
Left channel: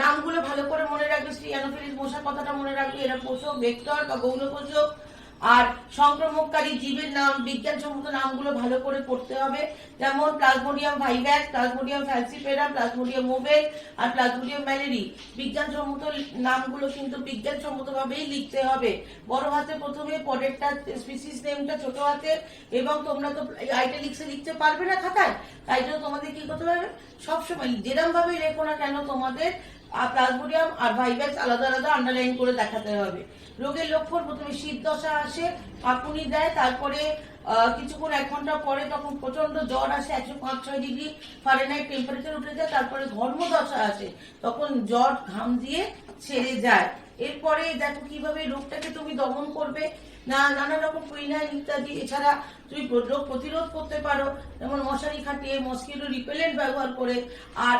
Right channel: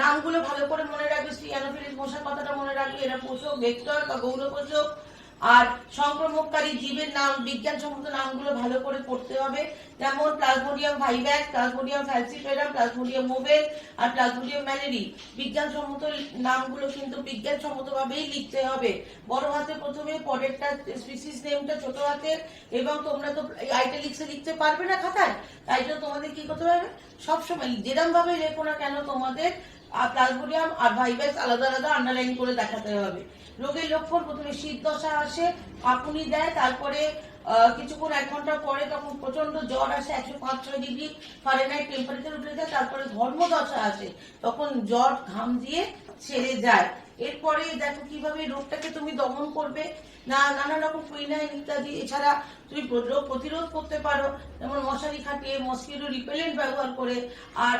নামগুলো ভালো করে মনে রাখবে, স্ত্রী অ্যানোফিলিস মশা কথাটা মনে রাখবে, এরা পোষক, ভেক্টর বা গৌণ পোষক। আর সংক্রমণকারী জীবের নাম, বিজ্ঞানসম্মত নামগুলো ভালো করে পড়তে হবে, যেমন প্লাজমোডিয়াম ভাইভ্যাক্স, প্লাজমোডিয়াম ফ্যালসিফেরাম, প্লাজমোডিয়াম মোভেল আর প্লাজমোডিয়াম ম্যালেরি। বিজ্ঞানসম্মত নামগুলো কিন্তু বিজ্ঞানসম্মত ভাবেই লিখতে হবে। বড় হাতে প্রথমে পরেরটা স্পিসিস নেমটা ছোট হাতে, এবং তোমরা তো আইটালিক্সে লিখতে পারবে না খাতায়, তাই জন্য তোমাদের কি করতে পারবে, সবসময় যেরকম ভাবে লেখো না কেন তোমাদের প্লাজমোডিয়াম আর ভাইভ্যাক্স আলাদা আলাদা আন্ডারলাইন করে দেখাতে হবে। রোগের লক্ষণ, প্রথমে শীত দশা আসে, কাঁপুনি দেয়, তারপরে কিছুক্ষণ 1 ঘন্টা পরে তখন প্রচন্ড জ্বর আসে, 105-6 ডিগ্রি ফারেনহাইট টেম্পারেচার উঠে যায়, তারপরে ঘর্ম দশা আসে, তখন জ্বর ঘাম দিয়ে ছেড়ে যায়। এরপরে দেখো কিভাবে রোগটাকে তুমি দমন করবে। নানা রকম কুইনাইন ইত্যাদি। এছাড়া তুমি রোগ প্রতিরোধ করতে পারো, যেমন মশারি খাটিয়ে, মসকিটো রিপেলেন্ট ব্যবহার করে, আর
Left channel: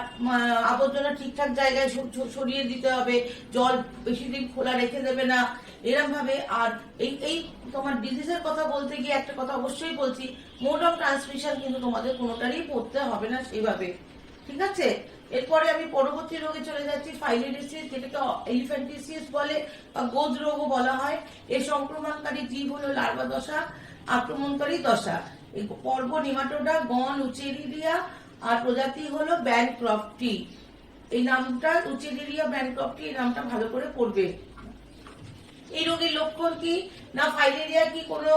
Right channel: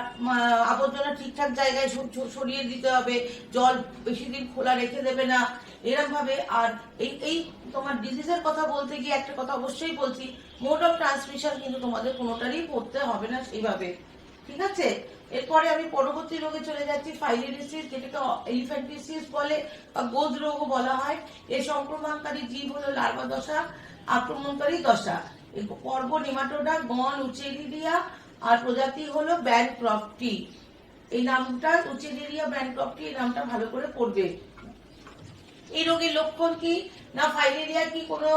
আবর্জনা ঠিকঠাক জায়গায় সরিয়ে দিতে হবে, জল বেশি দিন খোলা রেখে দেবে না এরকম ভাবে। আর এই তোমার ডিজিজের কথা বলতে গিয়ে একটা কথা অবশ্যই বলছি, মোড অফ ট্রান্সমিশন কিন্তু তোমাদের কোনোটারই পড়তে হবে না সেইভাবে, ঠিক আছে। এরপরে আমি পরবর্তী রোগে চলে যাচ্ছি, ফাইলেরিয়াসিস, যেটাকে এলিফ্যান্টিসিস বলে বা গোজ রোগও বলা হয়। এর সংক্রমণকারী জীব হলো লার্ভা দশা, আক্রমণকারী দশা। এই পর্ব নিমাটোডা, গণ, উচেরিডিয়া, আর প্রজাতি হলো ব্যানক্রফটি। এই নামটা উচেরিডিয়া ব্যানক্রফটি, এই নামটা ভালো করে পড়বে। এই রোগের লক্ষণ কি না, ফাইলেরিয়া কি কোনো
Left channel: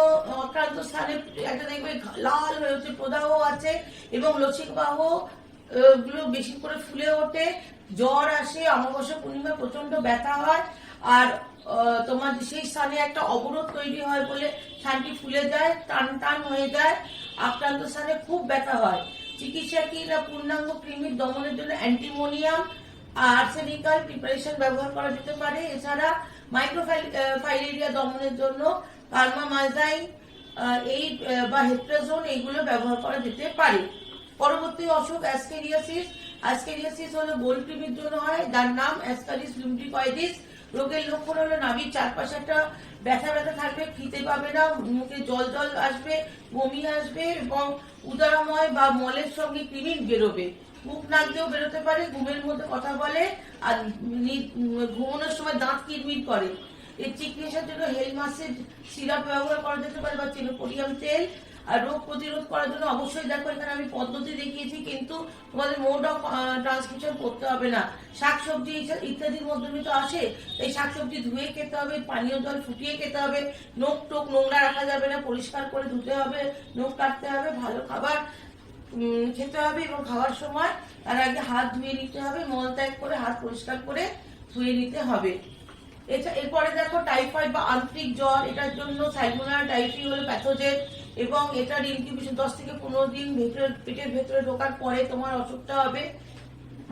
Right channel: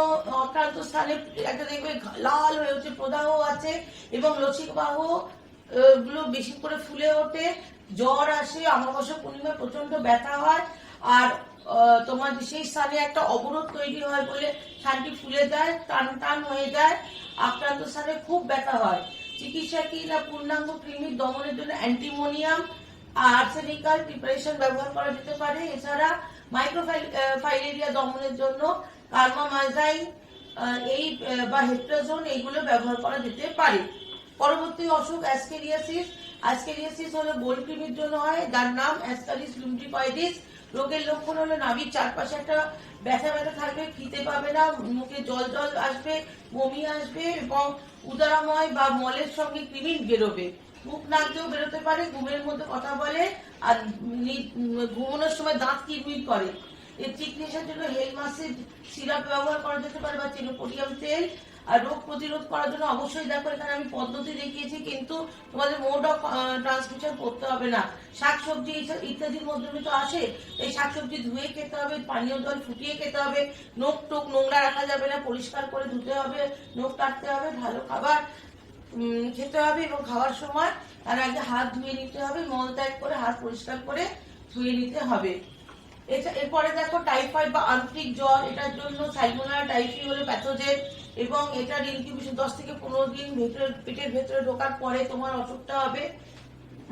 আক্রান্ত স্থানে একটা দেখবে লাল হয়ে উঠছে, প্রদাহ আছে এবং লসিকাবাহ গুলো বেশি করে ফুলে ওঠে, জ্বর আসে, অমাবস্যা পূর্ণিমা প্রচন্ড ব্যথা হয়, আর তোমার সেই স্থানে একটা অবরোধ তৈরি হয় বলে স্থানটি ফুলে যায়, টান টান হয়ে যায়, আক্রান্ত স্থানে খুব ব্যথা হয়। চিকিৎসা কি না, পূর্ণাঙ্গ কৃমির দমনের জন্য অ্যান্টিমোনিয়াম আর্সেনিকাল প্রিপারেশন ব্যবহার করা যেতে পারে। এছাড়া মাইক্রোফাইলেরিয়া দমনের জন্য কার্মামাইজাইন এই বা হেট্রাজোন এইগুলো ব্যবহার করা যেতে পারে। পরবর্তী অসুখ অ্যাসকেরিয়াসিস। অ্যাসকেরিয়াসিস হলো গোল কৃমির জন্য হয়, যার নাম অ্যাসকারিস লুম্ব্রিকয়েডিস। রোগের লক্ষণ হলো নাভির চারপাশে একটা ব্যথা ব্যথা থাকবে, খেতে পাবে না, মুখে জল জল আসবে, বমি আসবে এবং উদরাময় বা মলের সঙ্গে কৃমি বেরোবে। মুখ নাক দিয়েও বেরোতে পারে, ঘুমের মধ্যে কথা বলে, আর ঘুমানোর সময় দাঁত কিরমির করে। এর চিকিৎসার জন্য হেলমাসিড সিরাপ ব্যবহার করা যেতে পারে বা চিনোপোডিয়াম তেল। আর রোগ প্রতিরোধ করার জন্য অবশ্যই দেখো এখানে আমি পদ্ধতি দেখিয়েছি, কিন্তু তোমাদের মোড অফ ট্রান্সমিশন করতে হবে না। শাকসবজি ইত্যাদির মধ্যে তো আসে, এই শাকসবজি ধুয়ে খেতে হবে, পানীয় জল ফুটিয়ে খেতে হবে, নখ টোক নোংরা রাখা যাবে না, পরিষ্কার করে ধুতে হবে, নখ কাটতে হবে, ভালো খাবার খেতে হবে এবং খাওয়ার সময় তার আগে হাত ধুয়ে নিতে হবে, মল ত্যাগ করে হাত পরিষ্কার করে ধুয়ে নিতে হবে। এরপরে দেখো টাইফয়েড বা আন্তরিক জ্বর, এটার জন্য সালমোনেলা টাইফি হলো প্যাথোজেন এবং এটার ইনকিউবেশন 10 থেকে 15 দিন পেটের ভেতরে ঢোকার পরে তোমার অসুখটা হবে।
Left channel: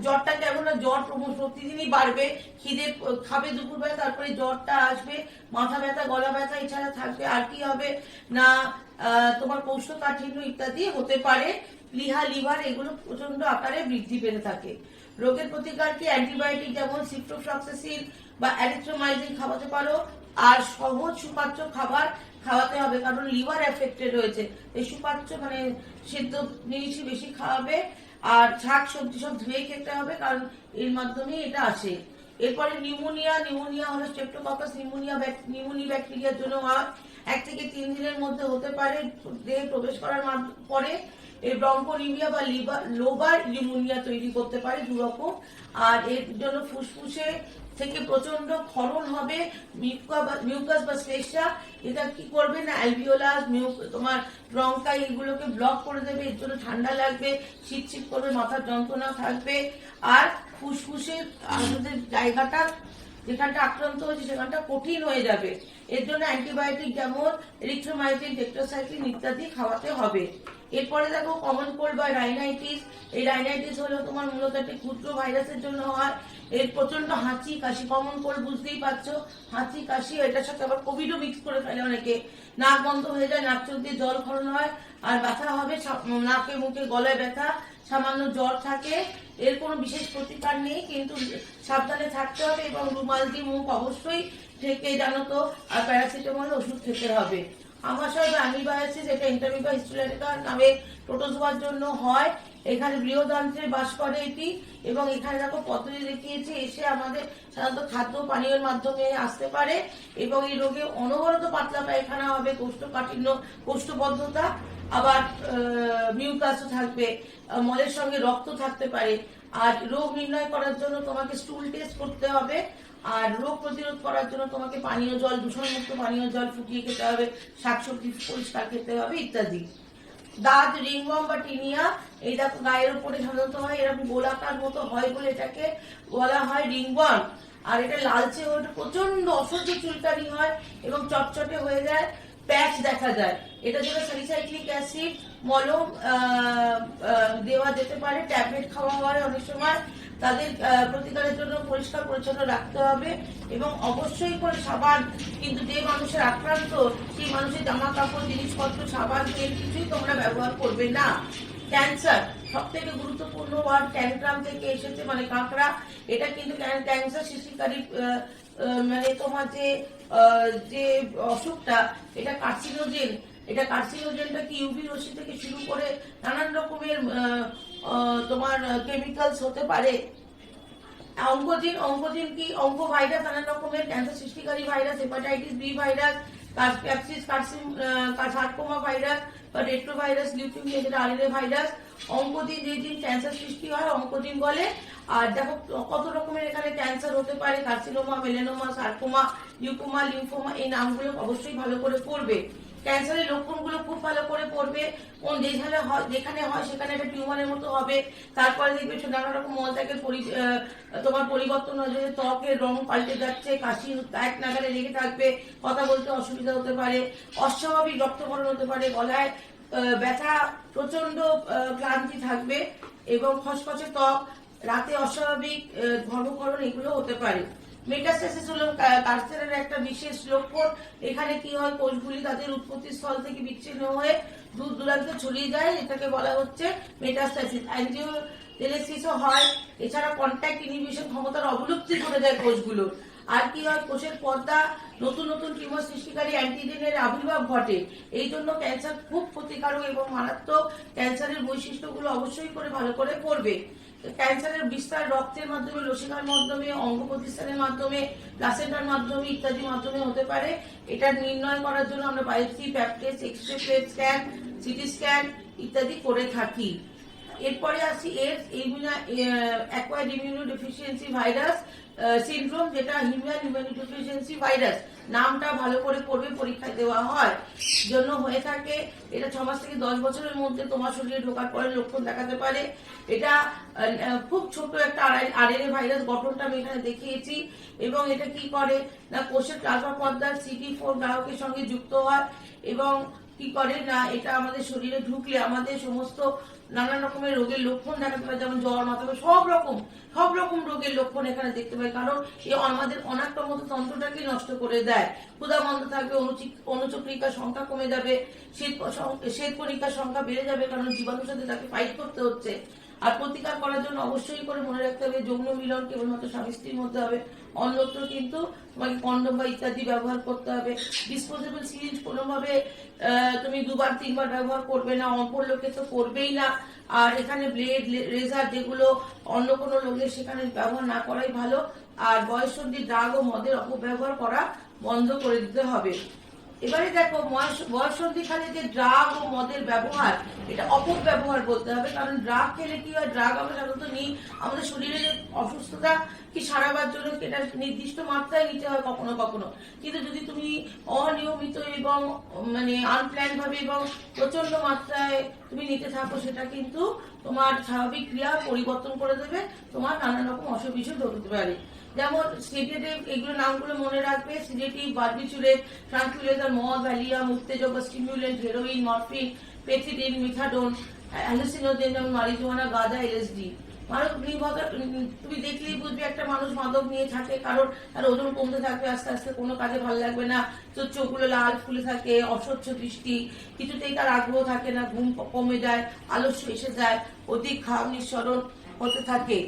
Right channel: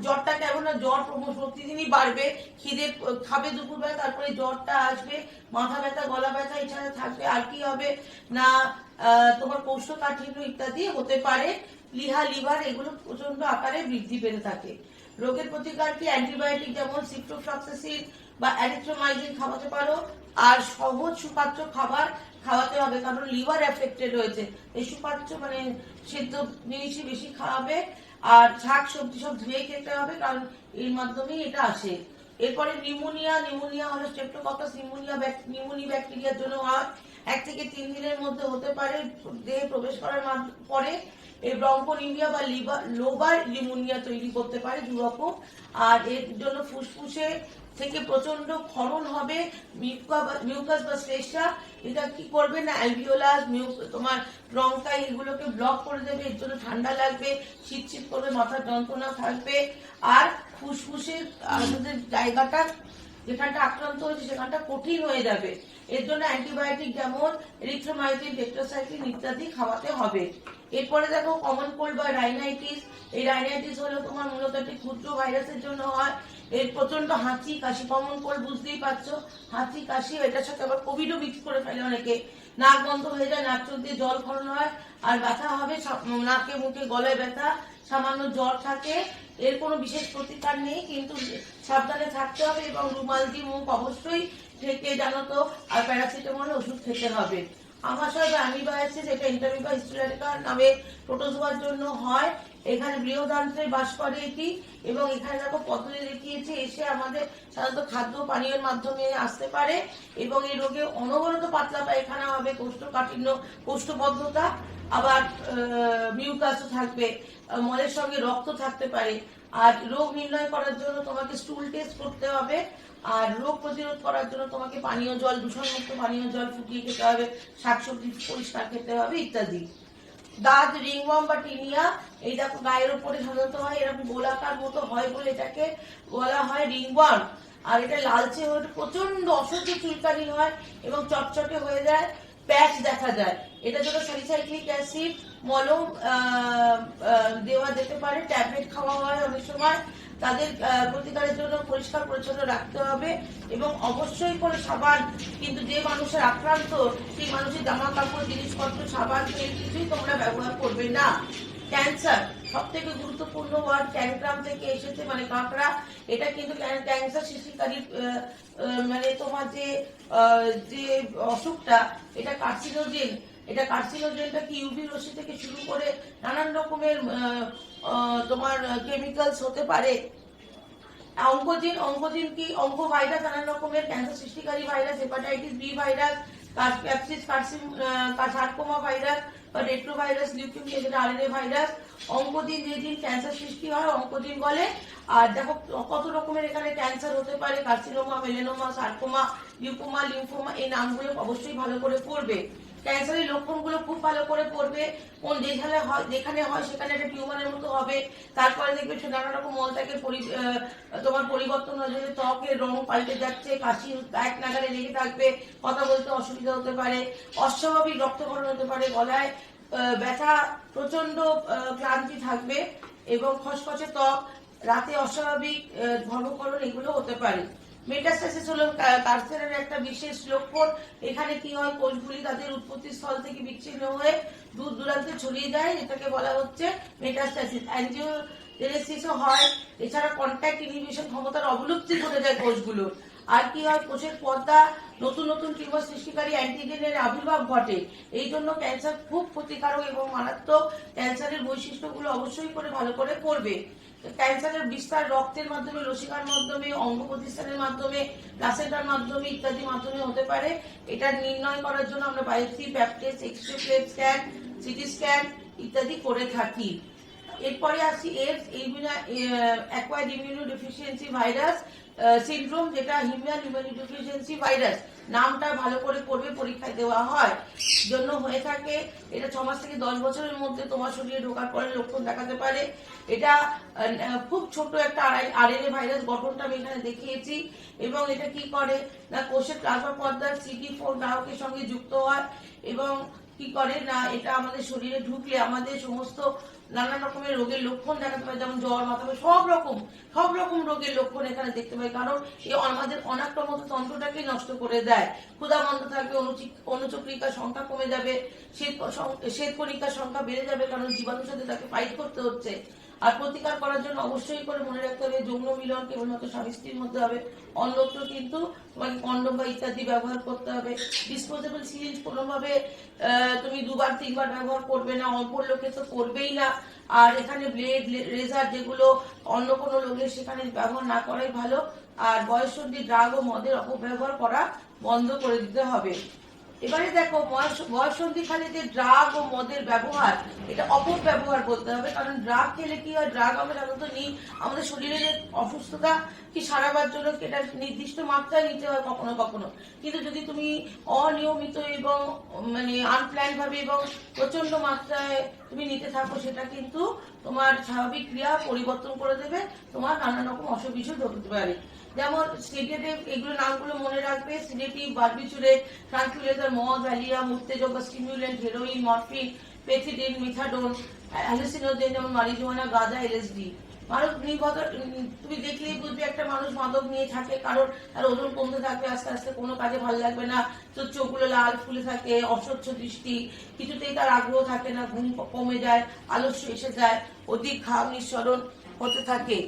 জ্বরটা কেমন, জ্বর প্রতিদিনই বাড়বে, খিদে খাবে দুপুরবেলা, তারপরে জ্বরটা আসবে, মাথা ব্যথা, গলা ব্যথা, এছাড়া থাকবে। আর কি হবে না, তোমার কোষ্ঠকাঠিন্য ইত্যাদি হতে পারে। প্লিহা, লিভার এগুলো প্রচন্ড আকারে বৃদ্ধি পেতে থাকে। রোগের প্রতিকার কি, অ্যান্টিবায়োটিক যেমন সিপ্রোফ্লক্সাসিন বা অ্যারিথ্রোমাইসিন খাওয়াতে পারো, আর সহজ সুপাচ্য খাবার খাওয়াতে হবে, কারণ লিভার এফেক্টেড হয়েছে। এই সুপাচ্য মানে সেদ্ধ জিনিসই বেশি খাওয়াবে, আর শাক সবজি সব ধুয়ে খেতে হবে, কারণ এর মাধ্যমেই এটা আসে। এরপরে নিউমোনিয়া হলো স্ট্রেপ্টোককাস নিউমোনি ব্যাকটেরিয়ার জন্য 1 থেকে 3 দিনের মধ্যে হতে পারে দেহে প্রবেশ করার পরে। এই ব্রঙ্কোনিমিয়া বা লোবার নিউমোনিয়া তৈরি করতে পারে, দুরকম। আর এর জন্য ফুসফুসে থেকে প্রচন্ড ক্ষরণ হবে, মিউকাস বা শ্লেষ্মা, এটা কি করবে না, অ্যালভিওলাস তোমার ব্রঙ্কাই এগুলোকে ব্লক করে দেবে, এর জন্য ঠান্ডা লাগবে, শীত করবে, মাথার যন্ত্রণা থাকবে, আর ফুসফুসের আমাদের জায়গাটা যেখানটা আক্রান্ত হয়েছে সেখানটা কঠিন হয়ে যাবে। এর জন্য অ্যান্টিবায়োটিক যেমন এরিথ্রোমাইসিন, টেট্রাসাইক্লিন ইত্যাদি খাওয়াতে হবে। এরপরে দেখো কমন কোল্ড বা রাইনাইটিস। এই রাইনাইটিস হলো তোমার মূলত একটি ক্ষুদ্র ভাইরাসের জন্য হয়। এর প্রচন্ড হাঁচি কাশি, কমন কোল্ড বুঝতেই পারছো, হাঁচি কাশি, এটার সাথে আবার কোভিডও মিক্স করে ফেলে অনেকে। নাক বন্ধ হয়ে যায়, নাক চোখ দিয়ে জল ক্ষরণ হয়, আর ব্যথা হবে, নাকে মুখে গলায় ব্যথা, সামান্য জ্বর থাকে। এর কোনো বিশেষ প্রতিকার নেই, কিন্তু সাবধানে থাকতে হবে এবং রুমাল দিয়ে মুখ অবশ্যই ঢেকে জানো তো, আর প্যারাসিটামল ওষুধ খেতে হবে। আমাশয় বা অ্যামিবায়াসিস, এটা ইন্টারমিবা হিস্টোরিকা নামে প্রোটোজোয়ার জন্য হয়। এখানে বৃহদান্ত্রে বাস করে এটি, এবং এখানে দেখো পদ্ধতি দেখিয়েছে, এসে আমাদের সাধারণত খাদ্য পানীয়ের মাধ্যমে আসতে পারে, এবং এই রোগে অনবরত পাতলা পায়খানা হবে, কোষ্ঠকাঠিন্য, কোষ্ঠবদ্ধতা, আবার মিউকাসও থাকবে, মলের সঙ্গে রক্ত থাকতে পারে। আর রোগ নির্ণয় করার জন্য তোমাকে স্টুল টেস্ট করতে হবে, আর রোগ প্রতিরোধ করার জন্য তোমাকে পানীয় জল, দূষণমুক্ত পানীয় জল ফুটিয়ে খেতে হবে, শাকসবজি পরিষ্কার খেতে হবে ইত্যাদি। দাঁত, রিংওয়ার্ম বা টিনিয়া, এই দেখো গায়ের উপরে সাধারণত হয়, এরকম গোলাকার মতো হয় বলে এটাকে বলা হয় রিংওয়ার্ম। আর এটা লালচে হয়ে প্রচন্ড অসহ্য চুলকানি হয় এবং চটচটে হয়ে যায়, প্যাচ দেখা যায়। এটা যেটা স্যালিসাইক্লিক অ্যাসিড মলম দেওয়া যেতে পারে, ট্যাবলেট খাওয়া হয় অনেক সময়। তাদের প্রতিকারের জন্য পরিষ্কার পরিচ্ছন্ন রাখতে হবে এবং অবশ্যই করে সাবান, কিন্তু যে মানুষের আক্রান্ত সেই মানুষের জামা কাপড়, জিনিসপত্র, সাবান, তেল কিছুই তোমরা ব্যবহার করবে না। ক্যান্সার সব থেকে গুরুত্বপূর্ণ ওয়ার্ড ক্যানগ্রাম থেকে এসেছে, মানে কাঁকড়া। এটা কিন্তু ক্যান্সার সৃষ্টিকারী, মানে তোমার যে অসুখটা, এটা কার্সিনোজেন। এটা কার্সিনোজেনটা কি ইউভি রশ্মি থেকে শুরু করে নানান রকমের তোমার কেমিক্যালস হতে পারে। অঙ্কোজিন কি অঙ্ক ভাইরাস, নানান রকমের ক্যান্সার সৃষ্টিকারী virus, hepatitis B virus, sarcoma virus বা রেট্রোভাইরাস, লিউকেমিয়া যেটা আরএনএ ভাইরাস। অঙ্কোজিন যেদিন ক্যান্সার সৃষ্টি হয় অঙ্কোজিন বলে। আর দেখো কত রকমের এখানে ক্যান্সার হতে পারে, কার্সিনোমা, মেলানোমা, সার্কোমা, লিউকোমা, লিম্ফোমা। এই নামগুলো অবশ্যই ভালো করে পড়বে। ক্যান্সারের লক্ষণগুলো খুব ভালো করে পড়বে। কোন যেখানে হয় সেখানে একটা টিউমারের মতো হবে। তারপরে দেখবে নানা রকম মলত্যাগের তোমার পরিবর্তন হয়ে যাবে, ত্বকের রং পাল্টে যাচ্ছে, কাশি এক নাগালে লেগে থাকবে, কথা বলতে অসুবিধা হতে পারে, অস্বাভাবিক রক্তক্ষরণ হতে পারে, গলায় ব্যথা, প্রচন্ড ক্লান্তি থাকবে এবং খসখসে ত্বক, রাতে অস্বাভাবিক ধর্মকরণ, এগুলো হতে পারে। মেটাস্টাসিস হলো ক্যান্সারের একটা বিশেষ লক্ষণ। এখানে কি হয়, কোষগুলি তাদের উৎপত্তি স্থল থেকে বিচ্ছিন্ন হয়ে দূর দূরান্তে ছড়িয়ে যায়, এটাকে বলা হচ্ছে মেটাস্টাসিস। অ্যাঞ্জিওজেনেসিসও হয়। এছাড়া কন্ট্যাক্ট ইনহিবিশন ক্ষমতার অবলুপ্তি ঘটে যায় কোষগুলোর। আর কি হয়, কোষের পর্দা নতুন নতুন টিউমার সৃষ্টিকারী অ্যান্টিজেনের আবির্ভাব ঘটে। এই জন্য ক্যান্সার খুব ক্ষতিকারক এবং মারাত্মক। ক্যান্সারের বৈশিষ্ট্যগুলো অবশ্যই করে ভালো করে পড়বে। ক্যান্সারের বিস্তার রক্তের মাধ্যমে, লসিকার মাধ্যমে, অঙ্গ প্রতিস্থানের মাধ্যমে, প্লাসেন্টার মাধ্যমে ইত্যাদি মাধ্যমে হতে পারে। এটা নির্ণয় করার জন্য আমরা biopsy, pap test, x-ray, plate scan, CT scan ইত্যাদি করে থাকি। এরপরে আসি AIDS, acquired immunodeficiency virus syndrome, যেটা হিউম্যান ইমিউনোডেফিসিয়েন্সি ভাইরাস। নামটা ভালো করে পড়বে, পরীক্ষায় দেওয়া হয় জন্য হয়ে থাকে। এটা 6 মাস থেকে 10 বছরের মধ্যে তোমার শরীরে ঢোকার পরে লক্ষণ দেখাতে পারে। এটা খুব ছোট একটা আরএনএ ভাইরাস, গঠনটা আমি এখানে দেখিয়েছি। এবং এটা কি করে না, কোষের প্লাজমা পর্দার CD4 গ্রাহকের সঙ্গে যুক্ত হয় এবং কি করে না, এটা আমাদের শরীরে ঢুকলে আমাদের সমস্ত নানান রকমের রোগের লক্ষণ দেখাতে পারে, যেমন জ্বর, মাথা ব্যথা, সব রকম রোগের লক্ষণ এখানে দেখতে পাই। কারণ এই আমাদের অনাক্রমত তন্ত্রটাকে নষ্ট করে দেয়। ক্ষুধা বন্ধ থাকবে, অনুচক্রিকার সংখ্যা কমে যাবে, শ্বেত কণিকার সংখ্যা বেড়ে যাবে, কারণ জীবাণুর সাথে তাকে ফাইট করতে হচ্ছে। আর প্রতিকার করার জন্য অবশ্যই করে মনে রাখতে হবে, যৌন মিলন কেবলমাত্র স্বামী স্ত্রীর মধ্যে হবে, অন্যত্র কিন্তু তোমাকে কন্ডোম বা ইত্যাদি ব্যবহার করতে হবে। ডিসপোজেবল সিরিঞ্জ কোনোভাবে তুমি 2বার 3বার ব্যবহার করবে না, অল্পর লোকে তো করবেই না। আর এখানে ব্লেড, রেজার যেগুলো অন্য কোনো লোকের সেখানে ব্যবহার না করাই ভালো। আর বয়ঃসন্ধি ড্রাগ ও মদের অপব্যবহার করা বন্ধ করে দিতে হবে। এবারে দেখো, বয়ঃসন্ধিকালে যে ড্রাগ ও মদের ব্যবহার, এটা অপব্যবহার বলতে হবে। কারণ ড্রাগ খেলে কি হয়, ড্রাগ আমরা সাধারণত নিই আমাদের শরীরের অসুস্থতা কি সারাবার জন্য, এটা নির্দিষ্ট মাত্রায় নিতে হয় কখনো কখনো। কিন্তু যদি তুমি অনিয়মিত এবং মানে আনপ্ল্যান ভাবে এবং প্রচন্ড মাত্রায় তুমি নিতে থাকো, সেটা কিন্তু তোমার স্বাভাবিক ক্রিয়া পরিবর্তন করে দেবে, তোমার নানান রকম অসুখ বিসুখ হতে পারে। যেমন সিডেটিভ, এগুলো নামগুলো মনে রাখবে। সিডেটিভ, বারবিচুরেট, ট্রাঙ্কুইলাইজার, মদ, ভ্যালিয়াম, উত্তেজক বা stimulant, heroin, morphine, pethidine, methadone, hallucinogen যেমন মারিজুয়ানা, গাঁজা, এলএসডি। মাদক নির্ভরতা তুমি দেখলেই বুঝবে একটা মানুষ মাদক নিয়ে থাকে, কারণ তার ওজন কমতে থাকবে আস্তে আস্তে, কোনো কাজে ভালো লাগবে না, তোর চোখগুলো লাল ফুলে থাকে, অস্বচ্ছ দৃষ্টি, কিছুতেই তার আগ্রহ থাকে না, ঘুম কমে যায়, আলস্য এসে যায়, অধিক খাওয়া নিঃসরণ হতে থাকে।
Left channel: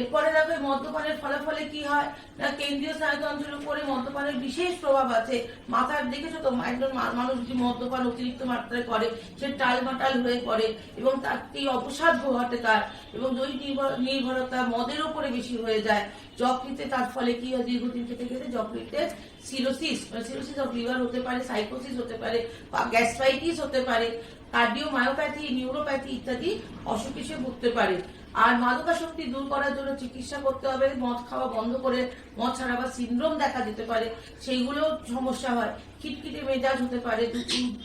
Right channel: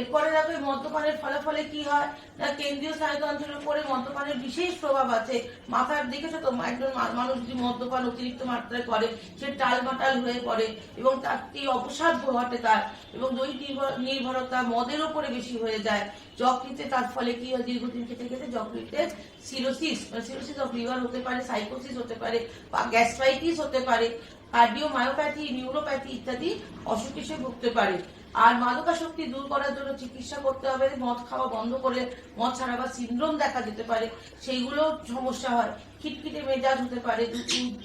এরপরে দেখবে মদ্যপানের ফলাফলে কি হয় না, কেন্দ্রীয় স্নায়ুতন্ত্রের উপরে মদ্যপানের বিশেষ প্রভাব আছে। মাথার দেখেছো তো, একজন মানুষ যদি মদ্যপান অতিরিক্ত মাত্রায় করে, সে টালমাটাল হয়ে পড়ে এবং তার এই অবসাদ ঘটে তার, এবং দৈহিক নির্ভরতা মদের উপরে বেশি হয়ে যায়। যকৃতে তার ফলে কি হয়, দীর্ঘদিন খেতে খেতে যকৃতে সিরোসিস অফ লিভার হতে পারে, সাইকোসিস হতে পারে, বা গ্যাস্ট্রাইটিস হতে পারে, কার্ডিওমায়োপ্যাথি, নিউরোপ্যাথি ইত্যাদি অসুখে সে ভুগতে পারে। আর মাদকাসক্তি দূর করার জন্য চিকিৎসা করতে হবে। মদ খাওয়া বন্ধ করে মদ ছাড়াবার সিনড্রোম দেখা যেতে পারে, সেইগুলো সমস্যা হয়। খিটখিটে মেজাজ হতে পারে,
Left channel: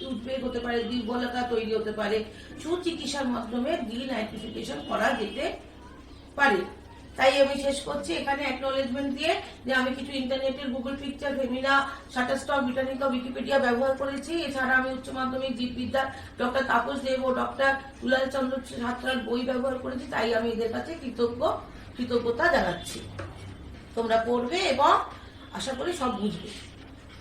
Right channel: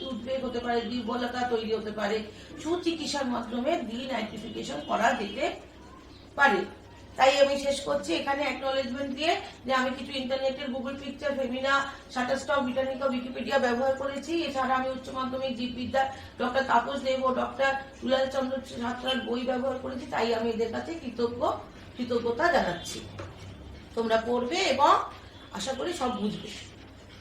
উদ্বেগ হতে পারে, দুর্বলতা তৈরি হতে পারে। সুচিকিৎসার মাধ্যমে ডিনাইট্রিফিকেশন করা যেতে পারে। তাই আমি শেষ করছি এখানে অ্যাকনোলেজমেন্ট দিয়ে, যে আমি কিছু ইন্টারনেটের Google picture, Femina, Shutterstock, Britannica, Wikipedia ব্যবহার করেছি। এছাড়া আমি উচ্চ মাধ্যমিক জীববিদ্যা ডক্টর তাপস দেব ও ডক্টর দুলাল চন্দ্র সাঁতরার বই ব্যবহার করেছি। তাই আমি এদের কাছে কৃতজ্ঞ কৃতজ্ঞতা জানাচ্ছি। তোমরা পড়বে এবং আশা করি সব বুঝবে।